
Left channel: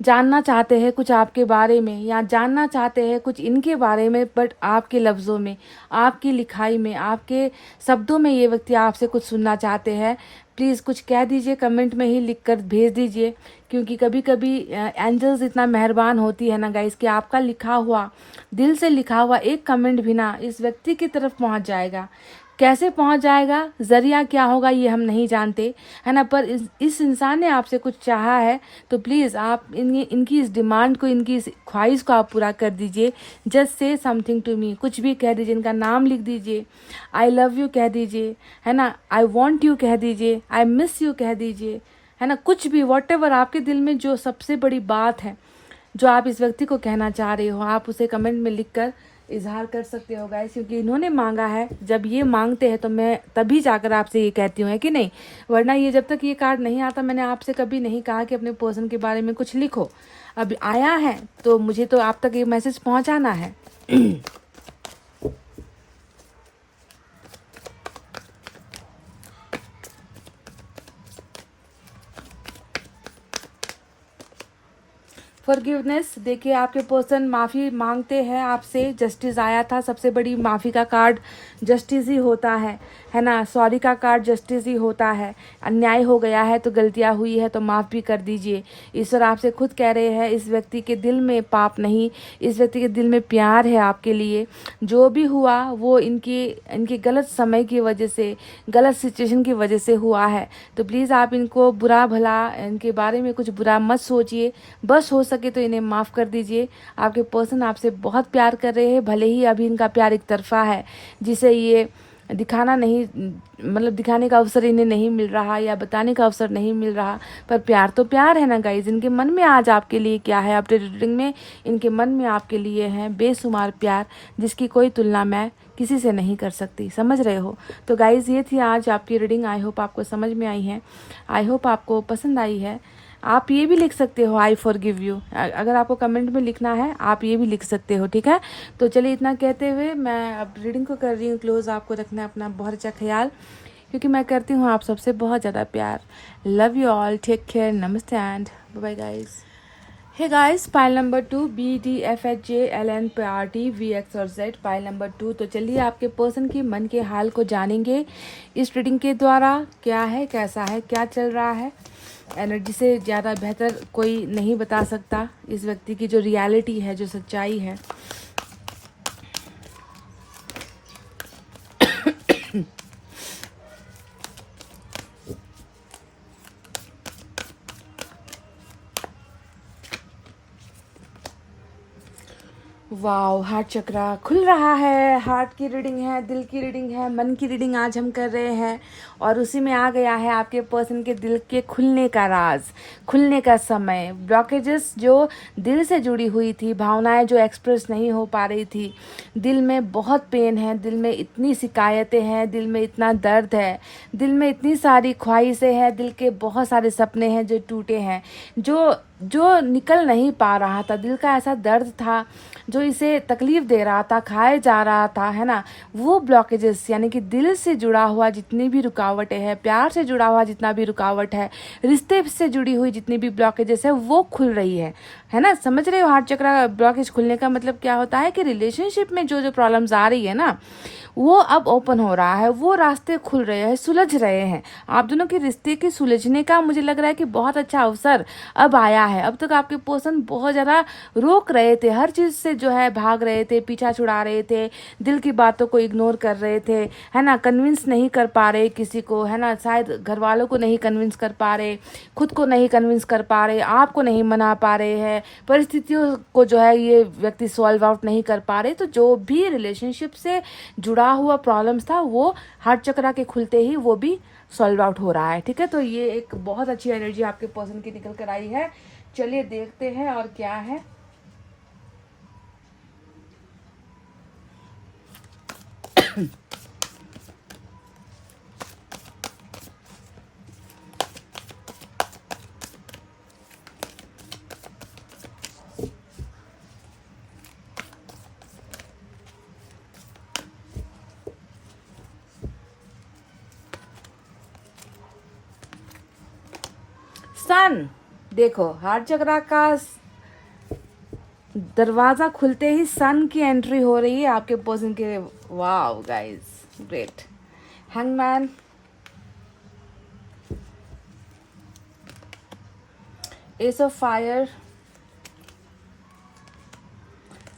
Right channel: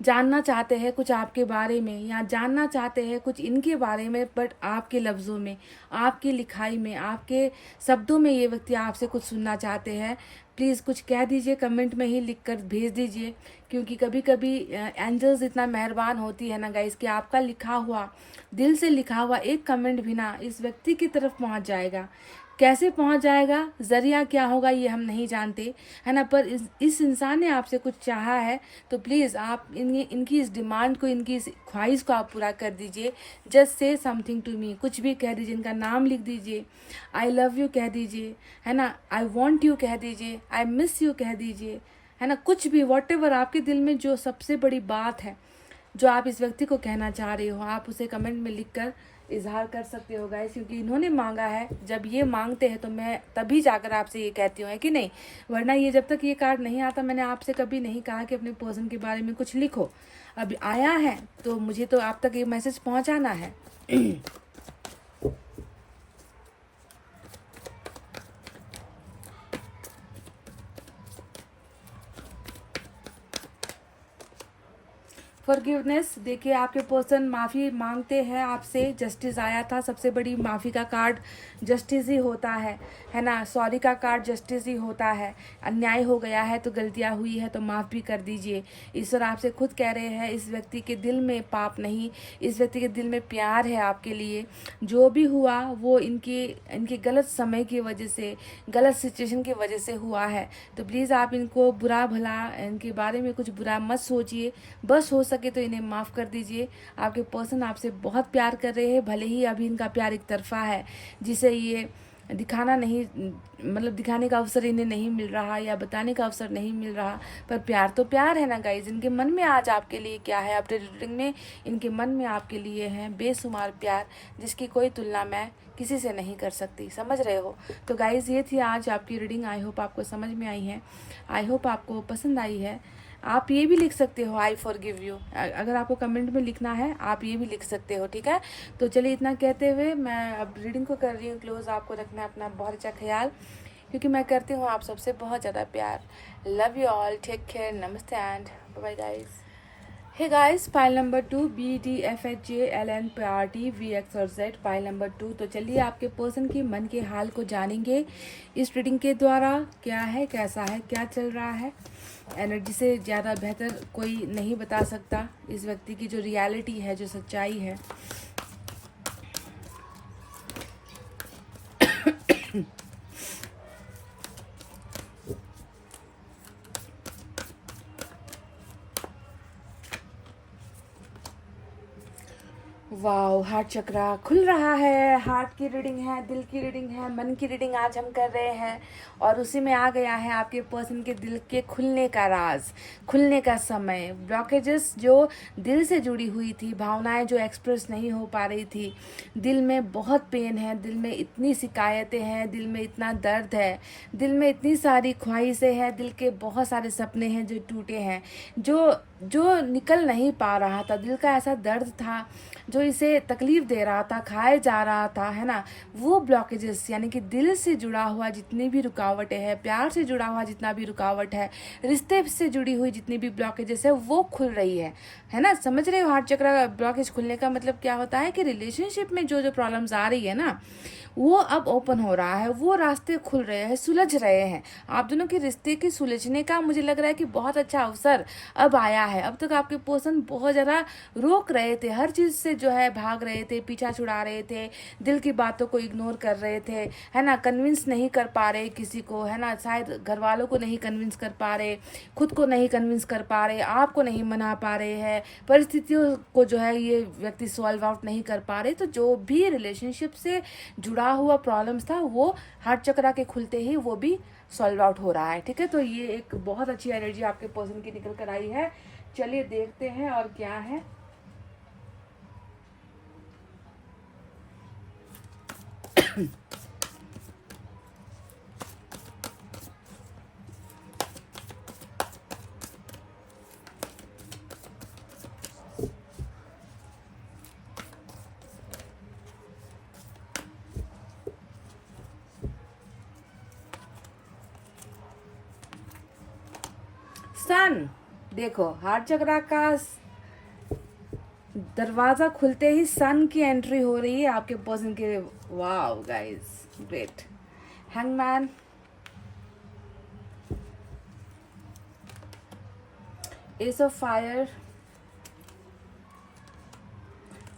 जानना चाहते हैं कुछ आपके बारे में, या जानना चाहते हैं कुछ इनके बारे में, बट आपके लफ्ज़ों में, आपकी लिखाई में, आपके शब्दों में ये व्यक्ति आपसे कुछ सुनना चाहते हैं। प्लीज़ कुछ कह दीजिए, कमेंट में ही लिख कर भेज दीजिए क्योंकि कभी कभी एंजल्स इतना मेहरबान होती है ना गाइस कि आपका लिखा हुआ, दिल से लिखा हुआ एक कमेंट भी ना इस व्यक्ति की तरफ पहुंच जाएगा। कैसे पहुंच जाएगा, जरिया क्या होगा ये हम नहीं जानते, है ना, पर इस इंसान ने आपसे कुछ चाहा है, तो प्लीज़ आप इनकी इस डिमांड को, इनकी इस ख्वाहिश को आप पूरा कर दीजिए। Just say something to me, कुछ भी कह दीजिए, इनका नाम लिख दीजिए, आई लव यू कह दीजिए, है ना, आई वॉन्ट यू कह दीजिए, आई मिस यू कह दीजिए, है ना, कुछ भी, वॉट एवर आपके दिल में जो सबसे बड़ी बात है जो आप इस व्यक्ति को कहना चाह रहे हो, आप उसे कमेंट में लिखकर इजहार कर सकते हो गाइस, क्योंकि इन्होंने मांगा है। जब ये मांगते हैं तो मैं तभी जाकर आपसे ये कहती हूँ, है कि नहीं, वरना ये जब तक ये कार्ड नहीं आता मैंने आपसे कभी नहीं कहा कि अपने पर्सन के बारे में कुछ लिखो। अब आया है तो मुझे तो आप तक ये मैसेज पहुँचाना है। फॉरगिवनेस, देखिए आपके पर्सन माफ़ी मांगते हैं आपसे। जस्टिस आया था, सबसे बड़ी माफ़ी का कार्ड जस्टिस ही होता है ना, सॉरी का कार्ड जस्टिस ही होता है। अन्याय हो गया है तो गलतियां हुई है तो माफ़ भी कर दीजिए। ईश्वर आपसे खुद कह रहे हैं इस व्यक्ति के दिल में पाप नहीं, इस व्यक्ति के दिल में प्यार है आपके लिए। जो भी हुआ वो इनके गलत समय की वजह से, गलत सिचुएशन की वजह से हुआ है। तो प्लीज़ आप इनको बुरा भला, इनके बारे में कुछ बुरा मत सोचिए, बस हो सके तो इन्हें माफ़ कर दीजिए। आपके पर्सन आपसे बहुत प्यार कर रहे हैं, भले ही अभी इनका प्यार एक तरफा है जिसे ये दिखाना नहीं, मतलब दिखाने का अवसर इन्हें नहीं मिल रहा या बताने का अवसर नहीं मिल रहा, पर प्यार तो प्यार है ना गाइज। इनके मन में आज आपके लिए क्या है, अपने रीडिंग में इनके मन में आपके लिए है बेशुमार प्यार, जिसकी कोई तुलना मैं किसी से नहीं कर सकती, समझ रहे हो। तो गाइज ये थी आज आपकी रीडिंग। आई होप आपको समझ में आई है, आई होप आपको पसंद आई है। आप ये भी लिख सकते हो आई फॉरगिव यू, अगर आपको कमेंट में लिखना है आप ये भी लिख सकते हो, ठीक है। तो चलिए इतना कहते हुए मैं अब रीडिंग को कर रही हूँ क्लोज। आपको रखना है अपना बहुत अच्छा ख्याल, क्योंकि मैं करती हूँ आप सबसे बहुत ज़्यादा प्यार। Love you all, take care, नमस्ते and bye guys. Hey guys, pile number 2, BDFHJLNPRTVX और Z, पाइल नंबर 2। तो चलिए आपके पर्सन के मन के हाल को जानेंगे इस रीडिंग के द्वारा। क्या है, कैसा है, क्या चल रहा है। एनर्जी से ज़्यादा बेहतर कोई नहीं बता सकता इस व्यक्ति की जो रियलिटी है, जो सच्चाई है। वाओ, हार्ट चक्रा खुल रहा है। हार्ट की रीडिंग है, दिल की रीडिंग है, मन की रीडिंग आज हम कर रहे हैं, और उसी में आ गया है आपके पर्सन के दिल के खुलने का राज, खुलने का समय। ब्लॉकेजेस जो दिल से जुड़ी हुई थी, भावनाएं जो एक्सप्रेस नहीं हो पा रही थी, दिल में बहुत पेन है, दिल में इतनी शिकायतें हैं, दिल में इतना दर्द है, दिल में इतनी सारी ख्वाहिशें हैं, दिल के बहुत सारे सपने हैं जो टूटे हैं, जो निकल नहीं पा रहा था। दिल का ऐसा दर्द था जो इसे तकलीफ दे रहा था, खाए जा रहा था, है ना। वो ब्लॉकेजेस, यानी कि दिल से जुड़ा हुआ जितनी भी रुकावटें हैं, प्यार से जुड़ा हुआ जितना भी रुकावट है, रिश्ते से जुड़ी हुई जितनी भी ब्लॉकेजेस है, वो खुल रही है ना। समझ रहे हो, हार्ट चक्रा ब्लॉकेज खुलने का मतलब क्या होता है कि रिलेशनशिप में जो प्रॉब्लम्स आ रही है ना, वो अब ओपन हो रहा है, वो रास्ते खुल रहे हैं, सुलझ रहे हैं। आप दोनों के रिश्ते के सुलझने का मुझे लग रहा है कि बहुत अच्छा अवसर अब आया है। अब तक आपके पर्सन बहुत ज़्यादा रोक रहे थे, हर चीज़ से जो है भाग रहे थे, पीछा छुड़ा रहे थे, दिल की बातों को इग्नोर कर रहे थे, है ना, कन्विंस नहीं कर पा रहे किसी को, है ना, शायद घर वालों को नहीं कन्विंस कर पा रहे, खुद को नहीं कन्विंस कर पा रहे, आपको नहीं मना पा रहे हैं, परिस्थितियों को जो है ये व्यक्ति सॉल्व आउट नहीं कर पा रहे। तो जो भी रिलेशनशिप से जुड़ा हुआ प्रॉब्लम्स था वो हार्ट चक्रा के खुलते ही वो भी सॉल्व आउट हो रहा है, ठीक है। तो ये एक बहुत अच्छी एनर्जी आपके पर्सन की निकल कर आई है। चलिए देखते हैं और क्या है। सन, देखो हार्ट चक्रा का दरवाजा खुलते ही सन की एंट्री हो रही है आपके पर्सन के। Wow guys, great. Hangman, S of fire,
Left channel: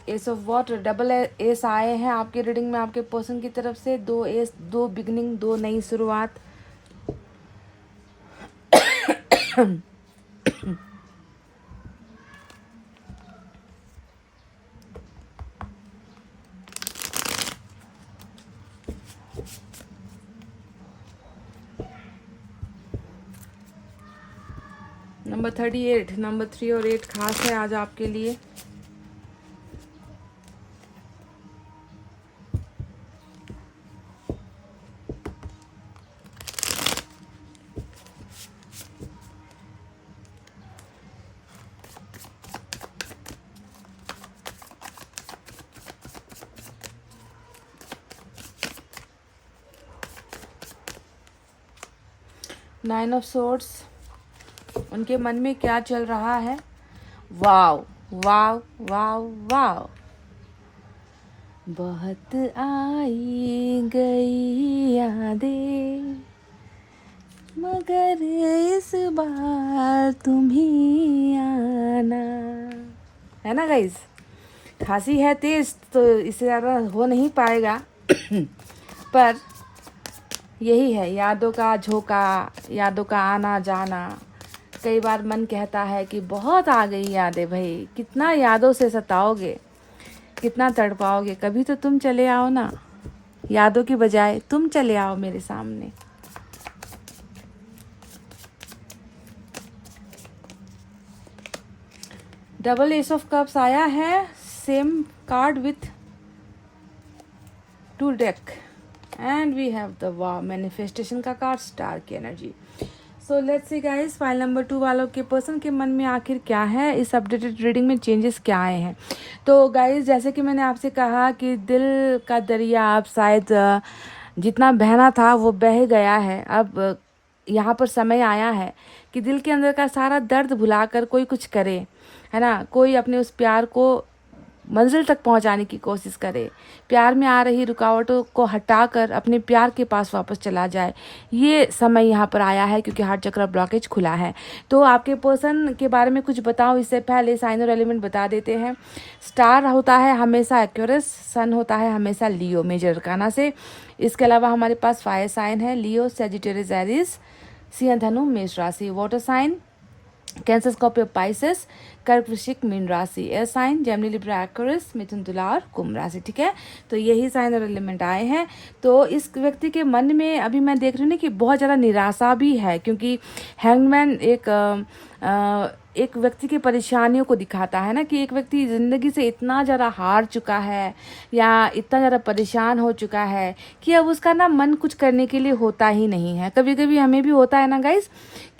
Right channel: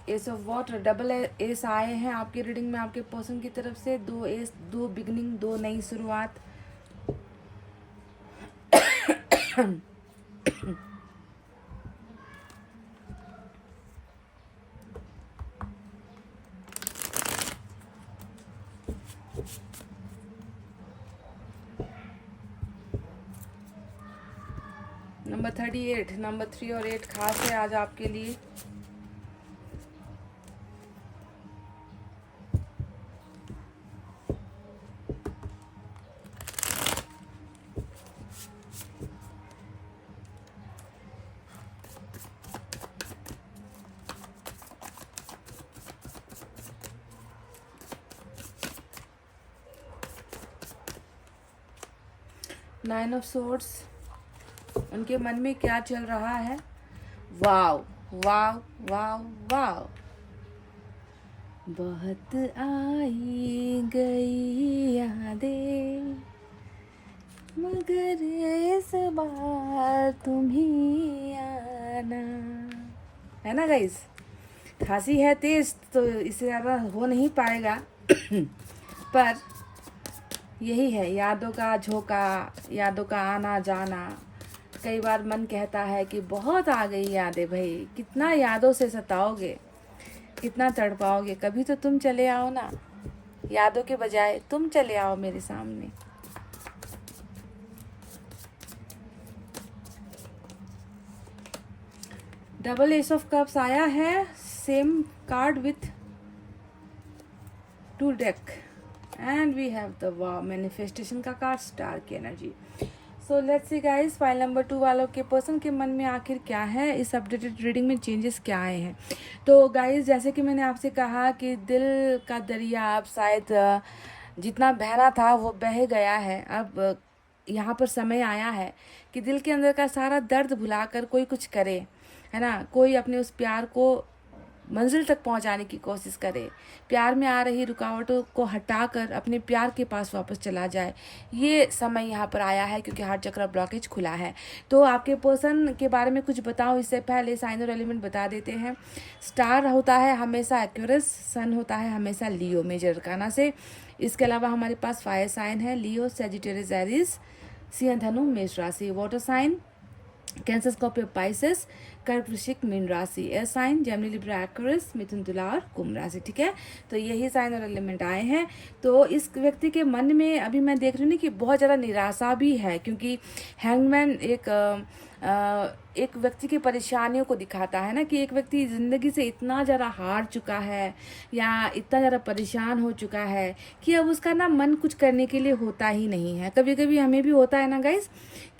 S of water, double S आए हैं आपके रीडिंग में आपके पर्सन की तरफ से। 2 एस, 2 बिगनिंग, 2 नई शुरुआत। नंबर 38, नंबर 3 और 8 खास है आज आपके लिए। नाइन ऑफ सोर्ड्स, उनके मन में क्या चल रहा है। वाव वाव वाव वाव, बहुत आई गई यादें मगर इस बार तुम ही आना, है ना गाइस। खांसी है तेज तो इससे ज़्यादा हो नहीं पाएगा पर यही है, यादों का झोंका, यादों का आना जाना। कई बार मन कहता है कि बहुत आ गई यादें भाई, कितना यादों से सताओगे, कितना तड़पाओगे। कभी तो तुम चले आओ ना, यादों के बजाय तुम चले आओ मेरे सामने। डबल एस ऑफ कप्स आया है, same card with 2 deck and we have the wow, manifestation का कार्ड, स्टार की एनर्जी। So let's see guys, file number 2 वालों के पर्सन के मन में आखिर क्या है, इस अपडेटेड रीडिंग में चेंजेस क्या आए हैं। तो गाइस जैसे कि मैंने आपसे कहा कि दिल का दरिया अब शायद जितना बहना था वो बह गया है। अब यहाँ पर समय आया है कि दिल के अंदर का सारा दर्द भुलाकर कोई कुछ करे, है ना। कोई अपने उस प्यार को मंजिल तक पहुंचाने की कोशिश करे, प्यार में आ रही रुकावटों को हटाकर अपने प्यार के पास वापस चला जाए। ये समय यहाँ पर आया है क्योंकि हार्ट चक्र ब्लॉकेज खुला है। तो आपके पर्सन के बारे में कुछ बताओ इससे पहले साइन और एलिमेंट बता देते हैं। स्टार होता है हमेशा एक्यूरस, सन होता है हमेशा लियो मेजर अरकाना से। इसके अलावा हमारे पास फायर साइन है लियो, सेजिटेरियस, एरीज, सिंह, धनु, मेष राशि। Water sign Cancer, Scorpio, Pisces, कर्क, वृश्चिक, मीन राशि। Air sign Gemini, Libra, Aquarius, मिथुन, तुला और कुंभ राशि। ठीक है, तो यही साइन और एलिमेंट आए हैं। तो इस व्यक्ति के मन में अभी मैं देख रही हूँ ना कि बहुत ज़्यादा निराशा भी है, क्योंकि हैंगमैन एक व्यक्ति की परेशानियों को दिखाता है ना, कि एक व्यक्ति ज़िंदगी से इतना ज़्यादा हार चुका है या इतना ज़्यादा परेशान हो चुका है कि अब उसका ना मन कुछ करने के लिए होता ही नहीं है। कभी कभी हमें भी होता है ना गाइस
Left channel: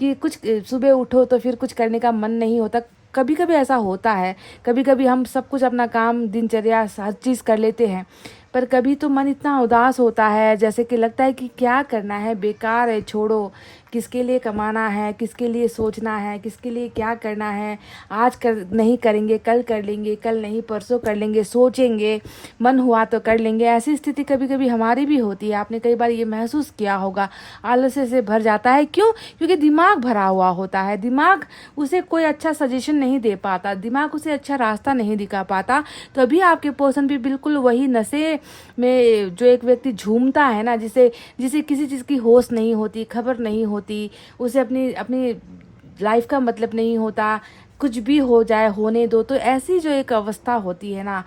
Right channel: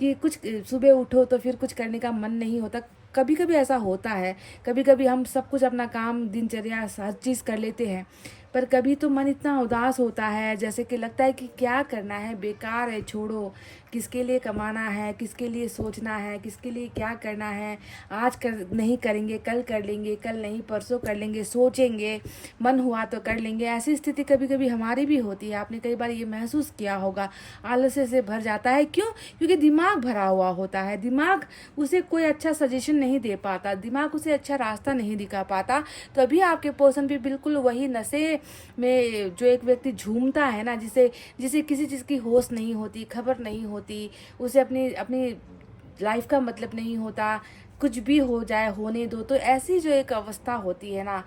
कि कुछ सुबह उठो तो फिर कुछ करने का मन नहीं होता। कभी कभी ऐसा होता है, कभी कभी हम सब कुछ अपना काम दिनचर्या हर चीज़ कर लेते हैं, पर कभी तो मन इतना उदास होता है जैसे कि लगता है कि क्या करना है, बेकार है, छोड़ो। किसके लिए कमाना है, किसके लिए सोचना है, किसके लिए क्या करना है। आज नहीं करेंगे, कल कर लेंगे, कल नहीं परसों कर लेंगे, सोचेंगे, मन हुआ तो कर लेंगे। ऐसी स्थिति कभी कभी हमारी भी होती है। आपने कई बार ये महसूस किया होगा, आलस्य से भर जाता है। क्यों? क्योंकि दिमाग भरा हुआ होता है, दिमाग उसे कोई अच्छा सजेशन नहीं दे पाता, दिमाग उसे अच्छा रास्ता नहीं दिखा पाता। तो अभी आपके पर्सन भी बिल्कुल वही नशे में जो एक व्यक्ति झूमता है ना, जिसे किसी चीज़ की होश नहीं होती, खबर नहीं होती, उसे अपनी लाइफ का मतलब नहीं होता, कुछ भी हो जाए होने दो। तो ऐसी जो एक अवस्था होती है ना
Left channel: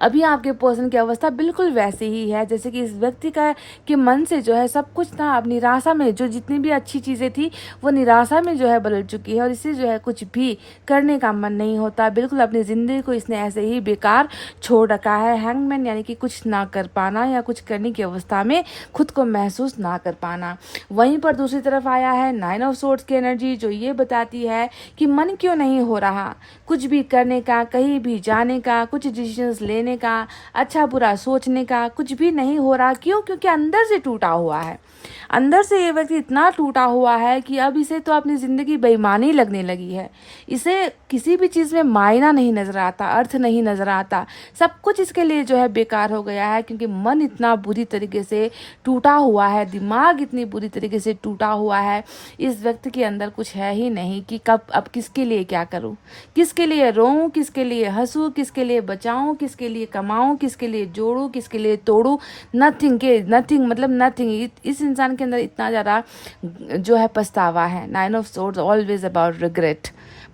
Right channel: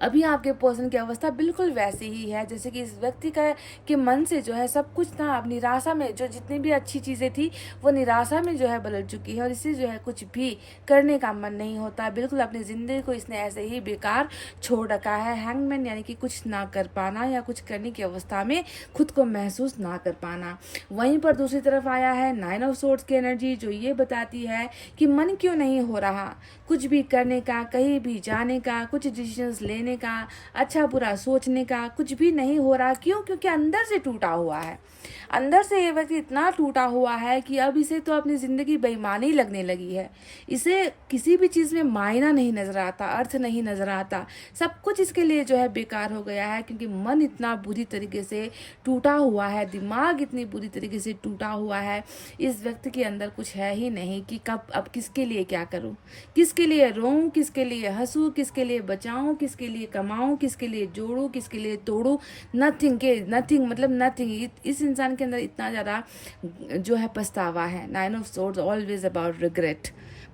अभी आपके पर्सन की अवस्था बिल्कुल वैसी ही है जैसे कि इस व्यक्ति के मन से जो है सब कुछ था अब निराशा में, जो जितनी भी अच्छी चीज़ें थी वो निराशा में जो है बदल चुकी है, और इसे जो है कुछ भी करने का मन नहीं होता। बिल्कुल अपनी ज़िंदगी को इसने ऐसे ही बेकार छोड़ रखा है। हैंगमैन यानी कि कुछ ना कर पाना या कुछ करने की अवस्था में खुद को महसूस ना कर पाना। वहीं पर दूसरी तरफ आया है 9 ऑफ सोर्ड्स की एनर्जी, जो ये बताती है कि मन क्यों नहीं हो रहा कुछ भी करने का, कहीं भी जाने का, कुछ डिसीजंस लेने करने का, अच्छा बुरा सोचने का कुछ भी नहीं हो रहा। क्यों? क्योंकि अंदर से टूटा हुआ है। अंदर से ये व्यक्ति इतना टूटा हुआ है कि अब इसे तो अपनी ज़िंदगी बेईमानी लगने लगी है। इसे किसी भी चीज़ में मायना नहीं नज़र आता, अर्थ नहीं नज़र आता, सब कुछ इसके लिए जो है बेकार हो गया है, क्योंकि मन इतना बुरी तरीके से टूटा हुआ है, दिमाग इतनी बुरी तरीके से टूटा हुआ है। इस व्यक्ति के अंदर कुछ है ही नहीं कि कब अब किसके लिए क्या करूं, किसके लिए रोऊं, किसके लिए हंसूं, किसके लिए बचाऊं, किसके लिए कमाऊं, किसके लिए जोड़ूं, किसके लिए तोड़ूं। नथिंग मतलब नथिंग। इस इंसान के अंदर इतना ज़्यादा जो है पछतावा है। 9 of swords always about regret,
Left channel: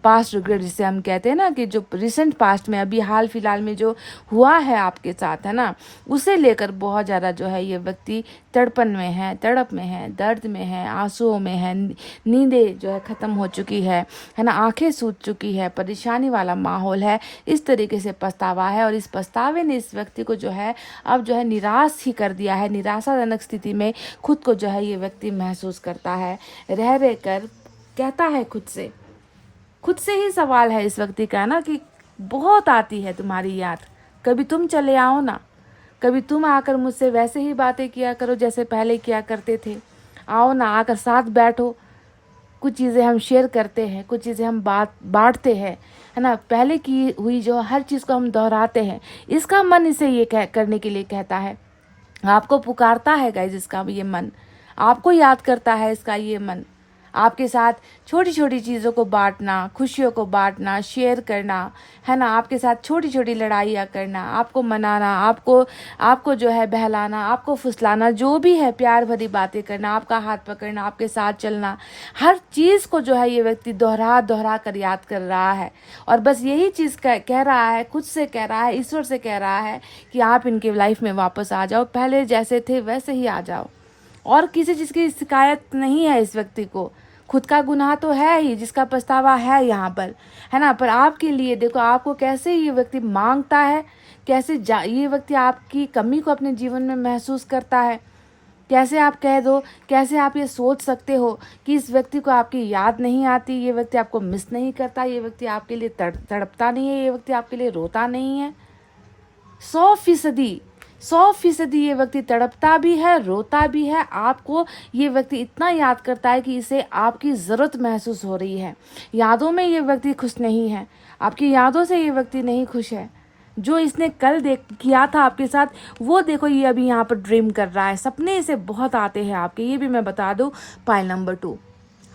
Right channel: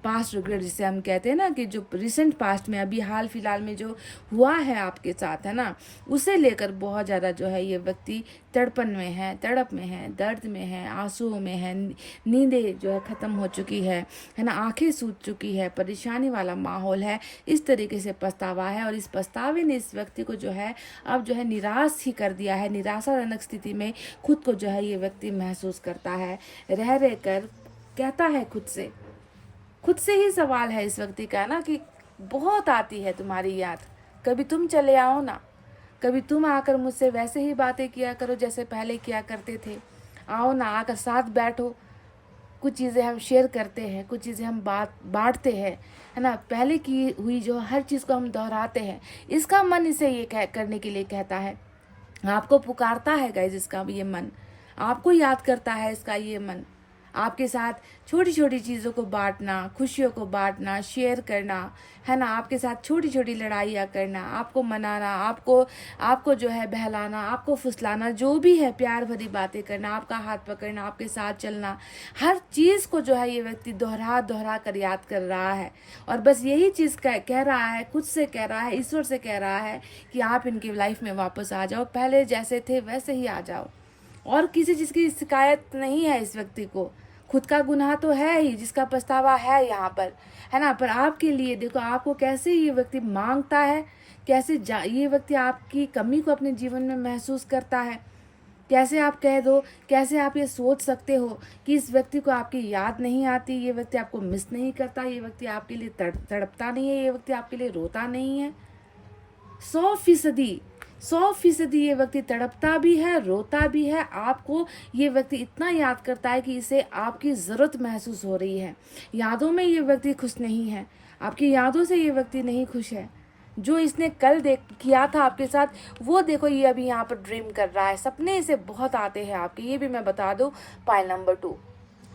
past regret जिसे हम कहते हैं ना, कि जो रिसेंट पास्ट में अभी हाल फिलहाल में जो हुआ है आपके साथ, है ना, उसे लेकर बहुत ज़्यादा जो है ये व्यक्ति तड़पन में है, तड़प में है, दर्द में है, आंसुओं में है, नींदें जो है ख़त्म हो चुकी है ना, आंखें सूज चुकी है, परेशानी वाला माहौल है। इस तरीके से पछतावा है, और इस पछतावे ने इस व्यक्ति को जो है अब जो है निराश ही कर दिया है। निराशाजनक स्थिति में खुद को जो है ये व्यक्ति महसूस करता है। रह कर कहता है खुद से ही सवाल है इस व्यक्ति का ना, कि बहुत आती है तुम्हारी याद, कभी तुम चले आओ ना, कभी तुम आकर मुझसे वैसे ही बातें किया करो जैसे पहले किया करते थे। आओ ना, आकर साथ बैठो, कुछ चीज़ें हम शेयर करते हैं, कुछ चीज़ें हम बांटते हैं, है ना। पहले की हुई जो हर चीज़ को हम दोहराते हैं। इसका मन इसे ये करने के लिए कहता है, आपको पुकारता है गाइस। इसका ये मन आपको याद करता है, इसका ये मन आपके साथ छोटी छोटी चीज़ों को बांटना, खुशियों को बांटना, शेयर करना, है ना, आपके साथ छोटी छोटी लड़ाइयाँ करना, आपको मनाना, आपको जो है बहलाना, आपको फुसलाना, जो भी है प्यार भरी बातें करना, आपका हाथ पकड़ना, आपके साथ चलना, हर चीज़ को जो है ये व्यक्ति दोहरा कर याद कर रहा है। और बस यही चीज़ कह रहा है, खुद से कह रहा है, ईश्वर से कह रहा है कि आप इनके लाइफ में वापस आ जाओ, पहले जैसे थे वैसे ही आ जाओ। और किसी चीज़ की शिकायत नहीं है इस व्यक्ति को। खुद का गुनाह तो है ही, जिसका पछतावा है यहाँ पर, है ना। पर आपके लिए देखो, आपको कैसे ये व्यक्ति मांगता है, कैसे ये व्यक्ति आपकी कमी को अपने जीवन में महसूस करता है। कैसे आप कह दो, कैसे आप ये सोच सकते हो कि इस व्यक्ति को आपकी याद नहीं आती, ये व्यक्ति आपको मिस नहीं करता, ये व्यक्ति आपके लिए तड़पता नहीं है, ये व्यक्ति आपके लिए रोता नहीं है। 100% ये व्यक्ति तड़पता भी है, रोता भी है। आपको ये व्यक्ति इतना याद करता है कि इसे आपकी ज़रूरत महसूस हो रही है। यादों में ये व्यक्ति खुश नहीं है, आपकी यादों से ये व्यक्ति नहीं खुश है। जो इसने कल किया था आपके साथ, वो देखो ये अभी यहाँ पर ड्रीम कर रहा है। सपने इसे बहुत आते हैं आपके, ये भी मैं बता दूँ। पाइल नंबर 2,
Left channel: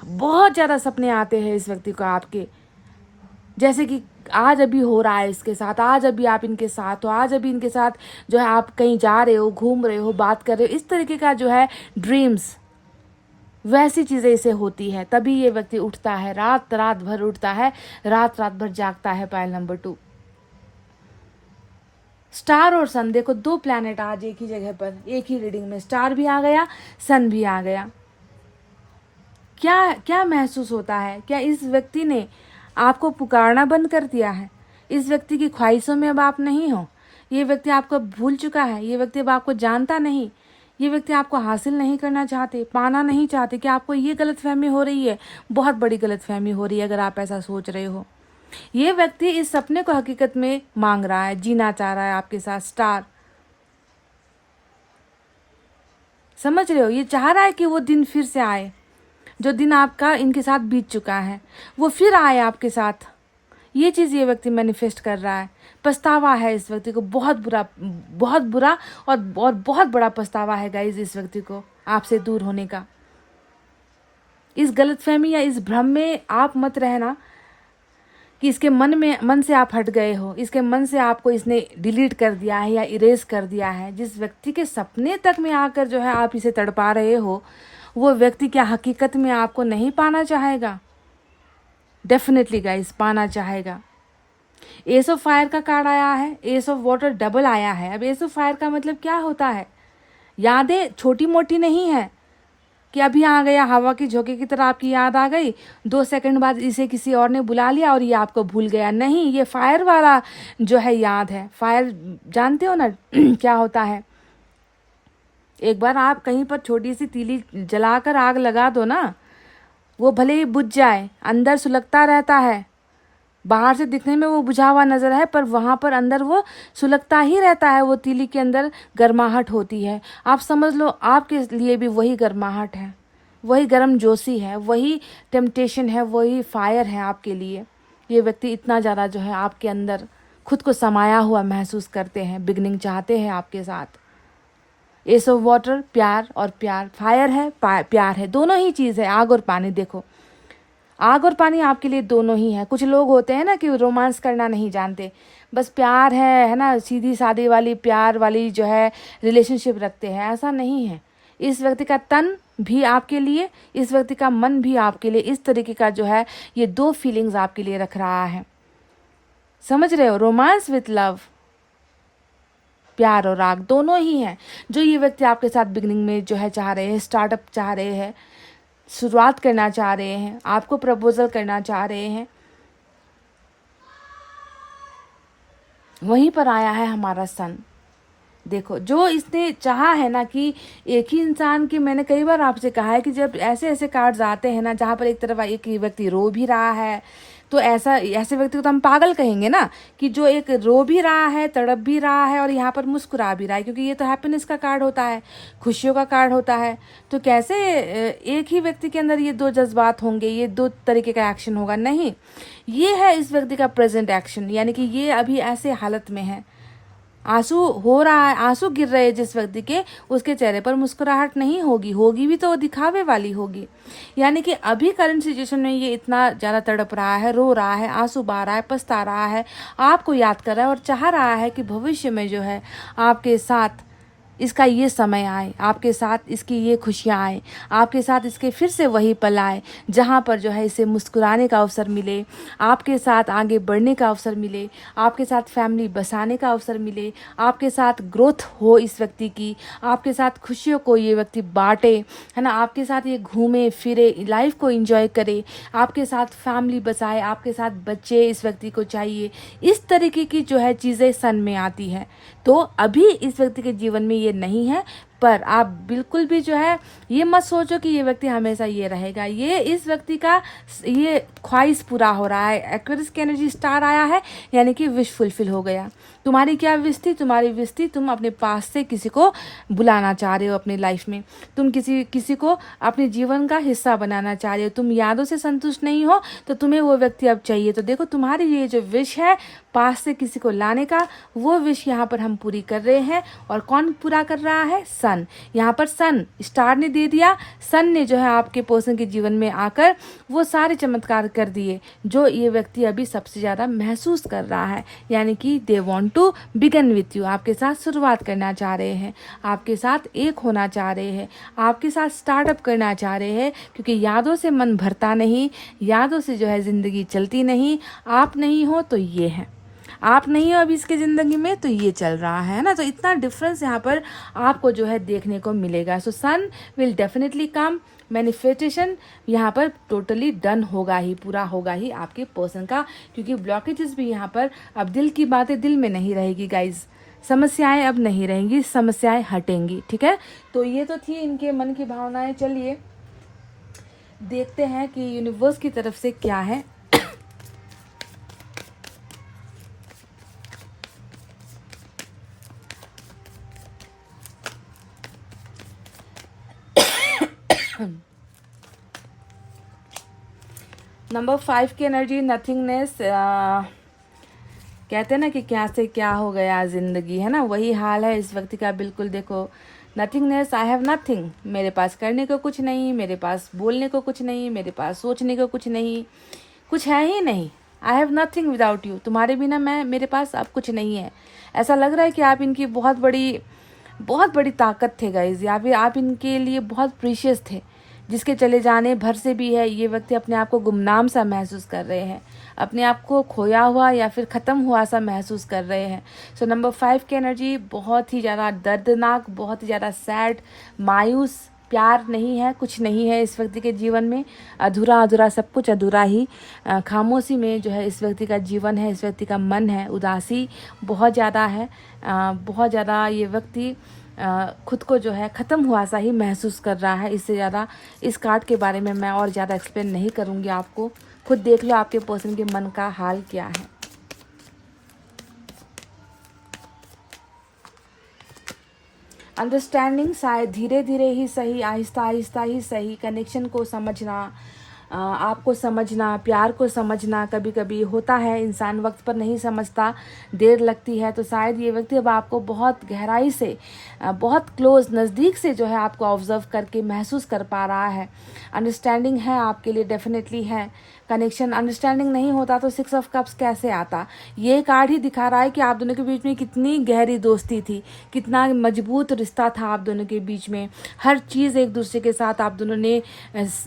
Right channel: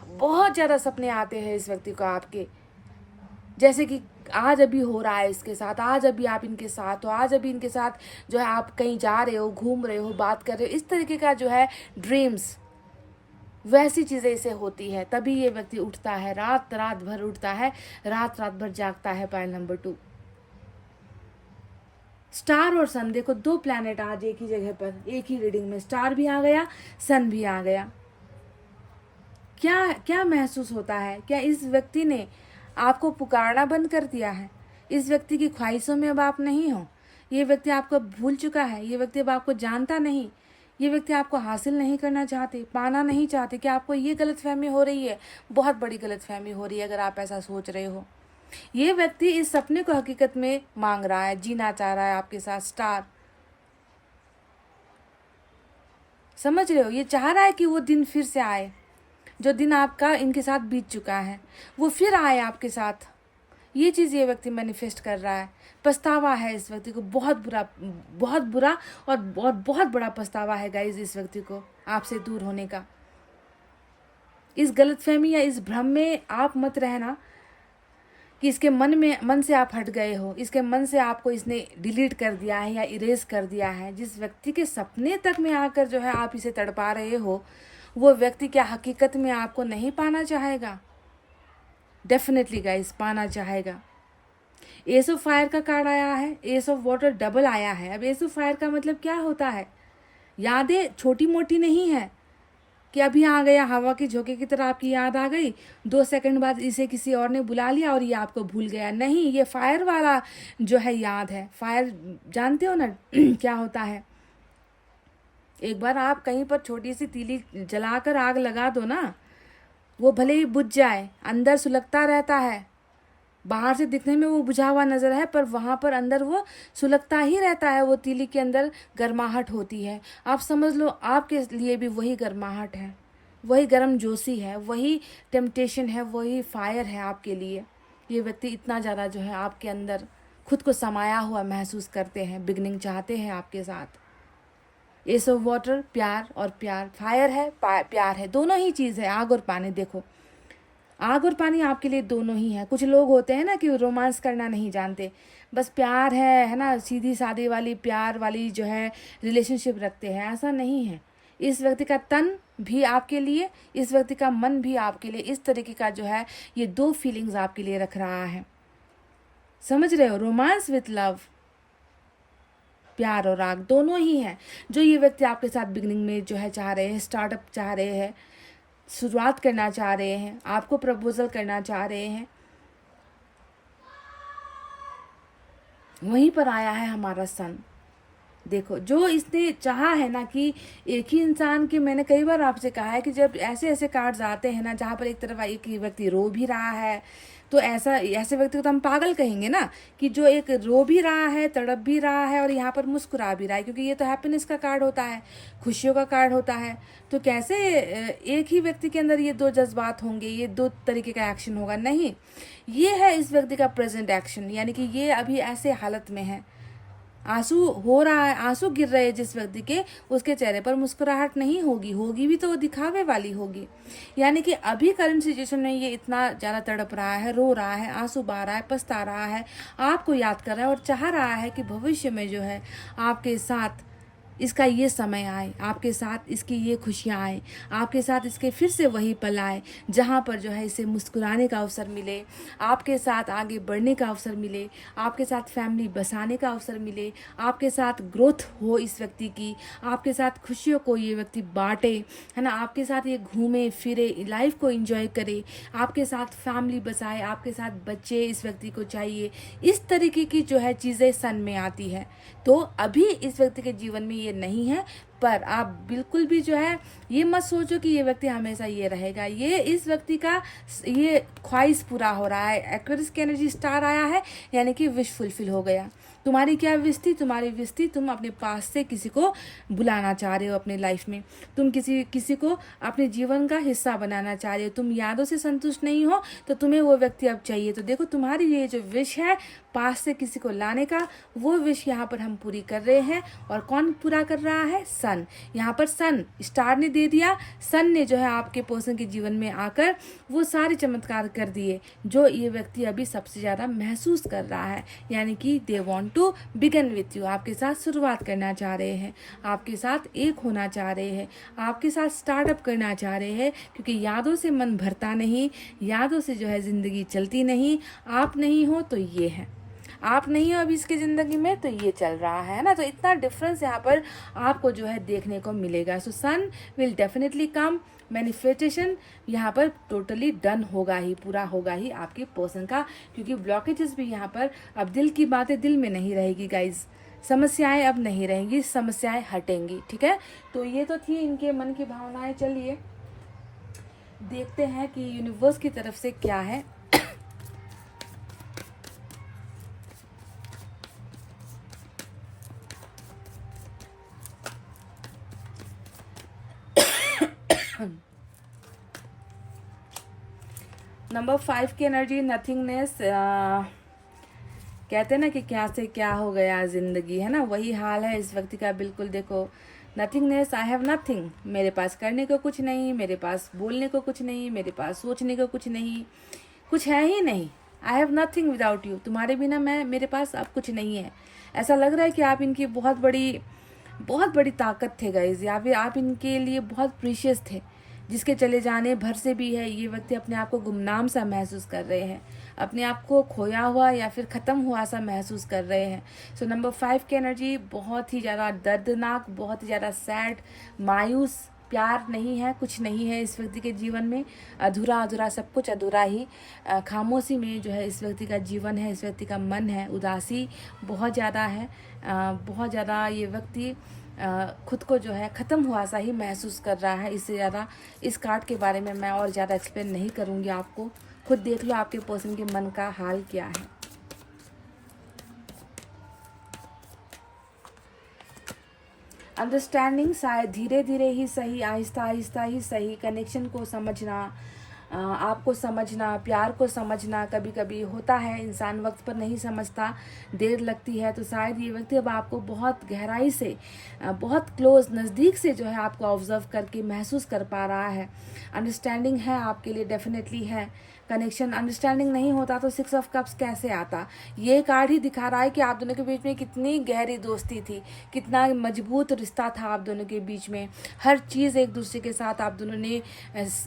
बहुत ज़्यादा सपने आते हैं इस व्यक्ति को आपके, जैसे कि आज अभी हो रहा है इसके साथ, आज अभी आप इनके साथ हो, आज अभी इनके साथ जो है आप कहीं जा रहे हो, घूम रहे हो, बात कर रहे हो, इस तरीके का जो है ड्रीम्स, वैसी चीज़ें इसे होती है। तभी ये व्यक्ति उठता है, रात भर उठता है, रात भर जागता है। पाइल नंबर 2, स्टार और सन। देखो 2 प्लैनेट आज एक ही जगह पर, एक ही रीडिंग में, स्टार भी आ गया, सन भी आ गया। क्या महसूस होता है? क्या इस व्यक्ति ने आपको पुकारना बंद कर दिया है? इस व्यक्ति की ख्वाहिशों में अब आप नहीं हो। ये व्यक्ति आपको भूल चुका है, ये व्यक्ति अब आपको जानता नहीं, ये व्यक्ति आपको हासिल नहीं करना चाहते, पाना नहीं चाहते। कि आपको ये गलतफहमी हो रही है? बहुत बड़ी गलतफहमी हो रही है अगर आप ऐसा सोच रहे हो। ये व्यक्ति इस सपने को हकीकत में मांग रहा है, जीना चाह रहा है आपके साथ। स्टार, समझ रहे हो? ये चाह रहा है कि वो दिन फिर से आए, जो दिन आपका इनके साथ बीत चुका है वो फिर आए आपके साथ। ये चीज़ ये व्यक्ति मैनिफेस्ट कर रहा है। पछतावा है इस व्यक्ति को, बहुत बुरा और बहुत बड़ा पछतावा है गाइज इस व्यक्ति को आपसे दूर होने का। इस गलतफहमी या इस भ्रम में आप मत रहना कि इसके मन से आप हट गए हो, इसके मन से आपको इसने डिलीट कर दिया है या इरेज कर दिया है। जिस व्यक्ति के सपने तक में आकर जो है आप इसे तड़पा रहे हो, वो व्यक्ति क्या हकीकत में आपको नहीं पाना चाहेगा? डेफिनेटली गाइस, पाना चाहेगा। एस ऑफ फायर का कार्ड आया है, एस ऑफ वाटर डबल आया है। अब एस ऑफ फायर का मतलब क्या होता है? यादें छोटी मोटी नहीं है कि अभी आ गया हवा की झोंके की तरह आपकी याद आ गई, 2 सेकंड बाद इसे किसी और ने बुला लिया और ये आपको भूल गया। नहीं, ये फायर वाला जो है याद है। फायर जानते हो ना क्या होता है? एक बार आप कहीं पर छोटी सी तीली जलाकर आग लगा दो ना, वो भले ही बुझ जाए, अंदर सुलगता रहता है, बाहर से दिखने में वो बुझा हुआ नज़र है, पर वहाँ पर अंदर वो सुलगता ही रहता है, वो तीली के अंदर गर्माहट होती है। आप समझ लो आपके लिए भी वही गर्माहट है, वही गर्म जोशी है, वही टेम्पटेशन है, वही फायर है आपके लिए। ये व्यक्ति इतना ज़्यादा जो है आपके अंदर खुद को समाया हुआ महसूस करते हैं, बिगनिंग चाहते हैं आपके साथ। एस ऑफ वाटर, प्यार और प्यार, फायर है प्यार है, दोनों ही चीज़ है, आग और पानी। देखो आग और पानी आपके लिए दोनों ही है। कुछ लोग होते हैं ना कि रोमांस करना नहीं जानते, बस प्यार है ना, सीधी सादी वाली प्यार वाली जो है रिलेशनशिप रखते हैं। ऐसा नहीं है। इस व्यक्ति का तन भी आपके लिए, इस व्यक्ति का मन भी आपके लिए, इस तरीके का जो है ये दो फीलिंग्स आपके लिए रख रहा है। समझ रहे हो? रोमांस विथ लव, प्यार और आग दोनों ही हैं जो ये व्यक्ति आपके साथ बिगनिंग में जो है चाह रहे हैं, स्टार्टअप चाह रहे हैं, शुरुआत करना चाह रहे हैं, आपको प्रपोजल करना चाह रहे हैं। वहीं पर आया है हमारा सन। देखो जो इसने चाहा है ना कि एक ही इंसान की, मैंने कई बार आपसे कहा है कि जब ऐसे ऐसे कार्ड्स आते हैं ना जहाँ पर एक तरफ एक व्यक्ति रो भी रहा है, तो ऐसे व्यक्ति को तो हम पागल कहेंगे ना, कि जो एक रो भी रहा है, तड़प भी रहा है और यहाँ पर मुस्कुरा भी रहा है, क्योंकि ये तो हैप्पीनेस का कार्ड होता है, खुशियों का कार्ड होता है। तो कैसे एक ही व्यक्ति के अंदर ये दो जज्बात होंगे, ये दो तरीके का एक्शन होगा? नहीं, ये है इस व्यक्ति का प्रेजेंट एक्शन, यानी कि ये अभी ऐसे हालत में है, आंसू हो रहा है, आंसू गिर रहे हैं जिस व्यक्ति के, उसके चेहरे पर मुस्कुराहट नहीं होगी, होगी भी तो वो दिखावे वाली होगी। यानी कि अभी करंट सिचुएशन में ये इतना ज़्यादा तड़प रहा है, रो रहा है, आंसू बहा रहा है, पछता रहा है, आपको याद कर रहा है और चाह रहा है कि भविष्य में जो है आपके साथ इसका ये समय आए, आपके साथ इसकी ये खुशियाँ आए, आपके साथ इसके फिर से वही पल आए जहाँ पर जो है इसे मुस्कुराने का अवसर मिले, आपके साथ आगे बढ़ने का अवसर मिले, आपके साथ फैमिली बसाने का अवसर मिले, आपके साथ ग्रोथ हो इस व्यक्ति की, आपके साथ खुशियों को ये व्यक्ति बांटे, है ना, आपके साथ ये घूमे फिरे, लाइफ को एंजॉय करे, आपके साथ फैमिली बसाए, आपके साथ बच्चे इस व्यक्ति को चाहिए। इस तरीके की जो है चीज़ें सन में आती है। तो अभी इस व्यक्ति के जीवन में ये नहीं है, पर आप बिल्कुल भी जो है ये मत सोचो कि ये व्यक्ति हमेशा ये रहेगा। ये इस व्यक्ति का ये ख्वाहिश पूरा हो रहा है। एक्वेरियस की एनर्जी स्टार आया है, यानी कि विश फुलफिल हो गया। तुम्हारी क्या विश थी? तुम्हारी विश थी तुम अपने पास से किसी को बुलाना चाह रहे हो अपनी लाइफ में, तुम किसी को अपने जीवन का हिस्सा बनाना चाह रहे हो, तुम यादों से संतुष्ट नहीं हो, तो तुम्हें वो व्यक्ति अब चाहिए। तो देखो तुम्हारी ये जो विश है पास से किसी को लाने का, वो विश यहाँ पर हम पूरी कर रहे हैं। और कौन पूरा कर रहा है? सन। यहाँ पर सन स्टार ने दे दिया, सन ने जो है आपके पर्सन के जीवन में आकर वो सारे चमत्कार कर दिए जो ये व्यक्ति अभी सबसे ज़्यादा महसूस कर रहा है। यानी कि they want to begin with you, आपके साथ शुरुआत करना चाह रहे हैं, आपके साथ एक होना चाह रहे हैं, आपके साथ स्टार्टअप करना चाह रहे हैं, क्योंकि यादों से मन भरता नहीं, यादों से जो है ज़िंदगी चलती नहीं। आप नहीं हो तो ये है, आप नहीं हो अभी इसके ज़िंदगी में तो ये चल रहा है ना। तो इतना डिफरेंस यहाँ पर आपको जो है देखने को मिलेगा। सो सन विल डेफिनेटली कम। मैनिफेस्टेशन यहाँ पर टोटली डन होगा ही, पूरा होगा ही आपके पर्सन का, क्योंकि ब्लॉकेजेस भी यहाँ पर, अब दिल की बातें दिल में नहीं रहेगी गाइज, समस्याएं अब नहीं रहेंगी, समस्याएं हटेंगी। ठीक है, तो ये तो थी इनके मन की भावनाएं। चलिए देखते हैं कि यूनिवर्स की तरफ से क्या है। नंबर 5 की एनर्जी नथिंगनेस। कहते हैं ना कि क्या से क्या हो गया ज़िंदगी, है ना, वही हाल है इस व्यक्ति का। बिल्कुल देखो नथिंगनेस, आई हैव नथिंग, मेरे पास करने को कुछ नहीं, मेरे पास बोलने को कुछ नहीं, मेरे पास सोचने को कुछ नहीं, कुछ है ही नहीं। I have nothing without you, तुम्हारे बिना मेरे पास अब कुछ नहीं है। ऐसा लग रहा है कि आप इनकी बहुत बड़ी ताकत थे गाइज, या फिर आप इनके लिए बहुत प्रीशियस थे, जिसके चले जाने भर से भी है ये व्यक्ति अपने आप को गुमनाम सा महसूस कर रहे हैं, अपने आप को खोया हुआ या फिर ख़त्म हुआ सा महसूस कर रहे हैं। सो नंबर 5 की एनर्जी बहुत ही ज़्यादा दर्दनाक, बहुत ही ज़्यादा सैड, मायूस। प्यार नहीं है, कुछ नहीं है इस व्यक्ति के जीवन में, अधूरा सब कुछ अधूरा ही। खामोशी में जो है इस व्यक्ति का जीवन है, इस व्यक्ति का मन है, उदासी बहुत ज़्यादा है, बहुत ज़्यादा ये व्यक्ति खुद को जो है ख़त्म हुआ सा ही महसूस कर रहा है। इससे ज़्यादा इस कार्ड के बारे में मैं और ज़्यादा एक्सप्लेन नहीं करूँगी, आपको खुद देख लो आपके पर्सन के मन का हाल क्या है। अंडरस्टैंडिंग शायद धीरे धीरे ही सही, आहिस्ता आहिस्ता ही सही, कनेक्शन को समझना, आपको समझना, प्यार को समझना। कभी कभी होता है इंसान वक्त पर नहीं समझता, देर लगती है। तो शायद ये व्यक्ति अब आपको बहुत गहराई से, बहुत क्लोज, नज़दीक से जो है आपको ऑब्जर्व करके महसूस कर पा रहा है। अंडरस्टैंडिंग है आपके लिए, डेफिनेटली है कनेक्शन। अंडरस्टैंडिंग नहीं होता तो 6 ऑफ कप्स कैसे आता। ये कार्ड ही दिखा रहा है कि आप दोनों के बीच में कितनी गहरी दोस्ती थी, कितना मजबूत रिश्ता था आप दोनों के बीच में। हर चीज़ एक दूसरे के साथ आप दोनों ने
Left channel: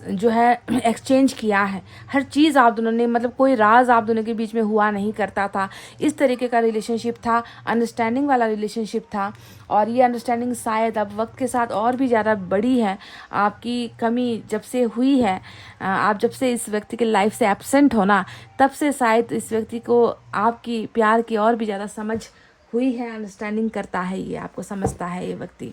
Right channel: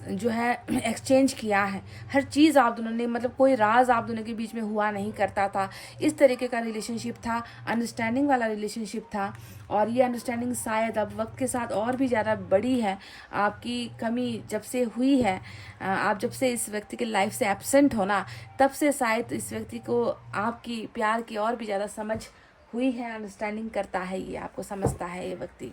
जो है एक्सचेंज किया है, हर चीज़ आप दोनों ने, मतलब कोई राज आप दोनों के बीच में हुआ नहीं करता था। इस तरीके का रिलेशनशिप था, अंडरस्टैंडिंग वाला रिलेशनशिप था। और ये अंडरस्टैंडिंग शायद अब वक्त के साथ और भी ज़्यादा बड़ी है। आपकी कमी जब से हुई है, आप जब से इस व्यक्ति के लाइफ से एब्सेंट हो ना, तब से शायद इस व्यक्ति को आपकी प्यार की और भी ज़्यादा समझ हुई है। अंडरस्टैंडिंग करता है, ये आपको समझता है ये व्यक्ति।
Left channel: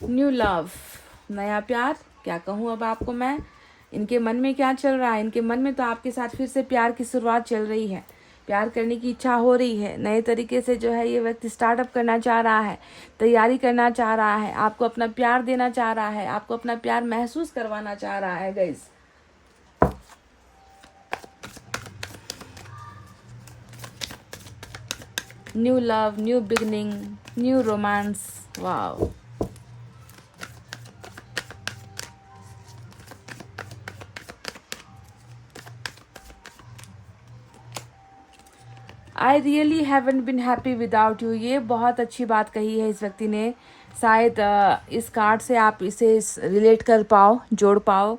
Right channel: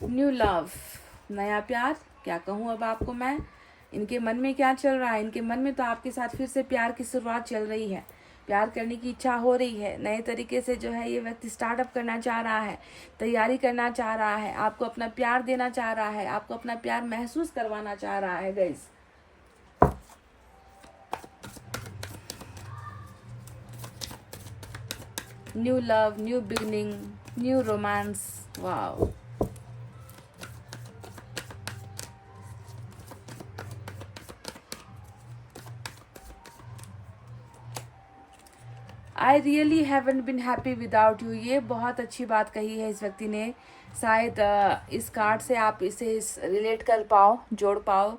न्यू लव, नया प्यार। क्या कहूँ अब आपको मैं, इनके मन में क्या चल रहा है। इनके मन में तो आपके साथ फिर से प्यार की शुरुआत चल रही है, प्यार करने की इच्छा हो रही है। नए तरीके से जो है ये व्यक्ति स्टार्टअप करना चाह रहा है, तैयारी करना चाह रहा है, आपको अपना प्यार देना चाह रहा है, आपको अपना प्यार महसूस करवाना चाह रहा है guys. New love, new beginning, new romance. Wow, I really haven't been happy without you. ये बहुत अच्छी बात कही है इस व्यक्ति ने। शायद इस कार्ड से आप इसे रिलेट कर पाओ, जोड़ पाओ।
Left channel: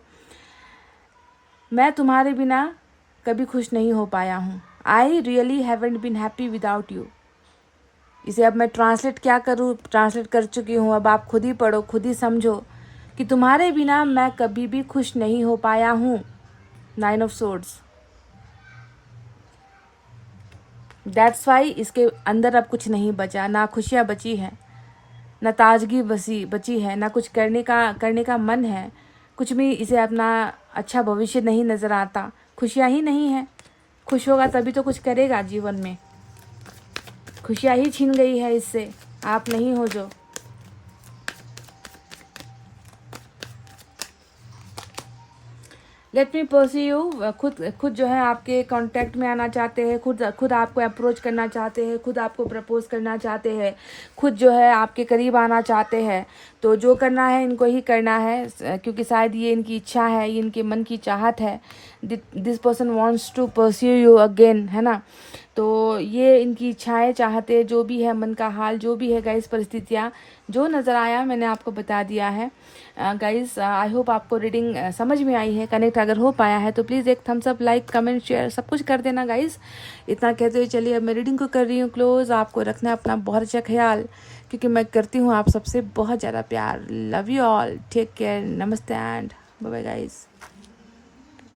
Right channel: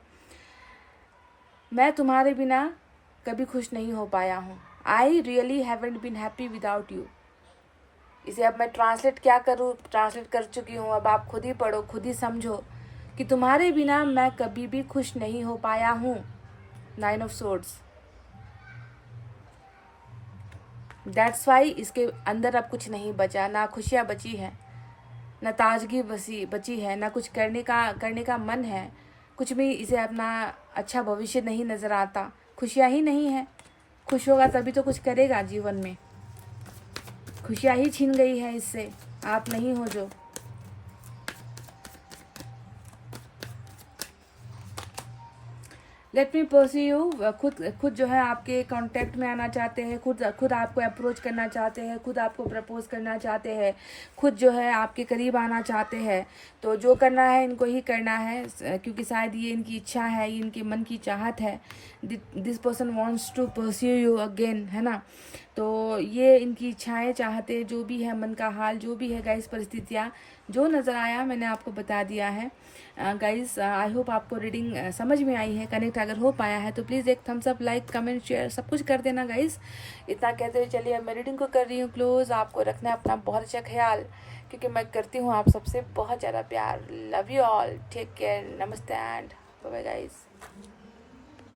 मैं तुम्हारे बिना कभी खुश नहीं हो पाया हूँ। I really haven't been happy without you. इसे अब मैं ट्रांसलेट क्या करूँ, ट्रांसलेट कर चुकी हूँ। अब आप खुद ही पढ़ो, खुद ही समझो कि तुम्हारे बिना मैं कभी भी खुश नहीं हो पाया हूँ। 9 ऑफ सोर्ड्स। दैट्स वाई इसके अंदर अब कुछ नहीं बचा, ना खुशियाँ बची हैं, ना ताजगी बची है, ना कुछ करने का मन है। कुछ भी इसे अपना अच्छा भविष्य नहीं नज़र आता, खुशियाँ ही नहीं है। खुश होगा तभी तो कुछ करेगा जीवन में। खुशियाँ ही छीन गई है इससे, आप नहीं हो जो। Let me pursed you. खुद जो है आपके कांटेक्ट में आना चाहते हैं, खुद आपको अप्रोच करना चाहते हैं, खुद आपको प्रपोज करना चाहते हैं, खुद जो है आपके करीब आना चाहते हैं। तो जो करना है इनको ही करना है, क्योंकि शायद ये इनकी इच्छा है, ये इनके मन की चाहत है। This person wants to pursue you again, है ना। तो ये इनकी इच्छाएं, चाहते, जो भी है मन का हाल, जो भी है गाइस, परिस्थितियाँ जो नज़र आया मैंने आपको बता दिया है। गाइस आई होप आपको रीडिंग समझ में आई है, कनेक्ट अगर हो पाया है तो प्लीज़ एक thumbs up, like, comment, share सब कुछ कर देना गाइस। इतना कहते हुए चलिए अब मैं रीडिंग को कर रही हूँ क्लोज। आपको रखना है अपना बहुत अच्छा ख्याल, क्योंकि मैं करती हूँ आप सबसे बहुत ज़्यादा प्यार। Love you all, take care, नमस्ते एंड बाय बाय गाइस।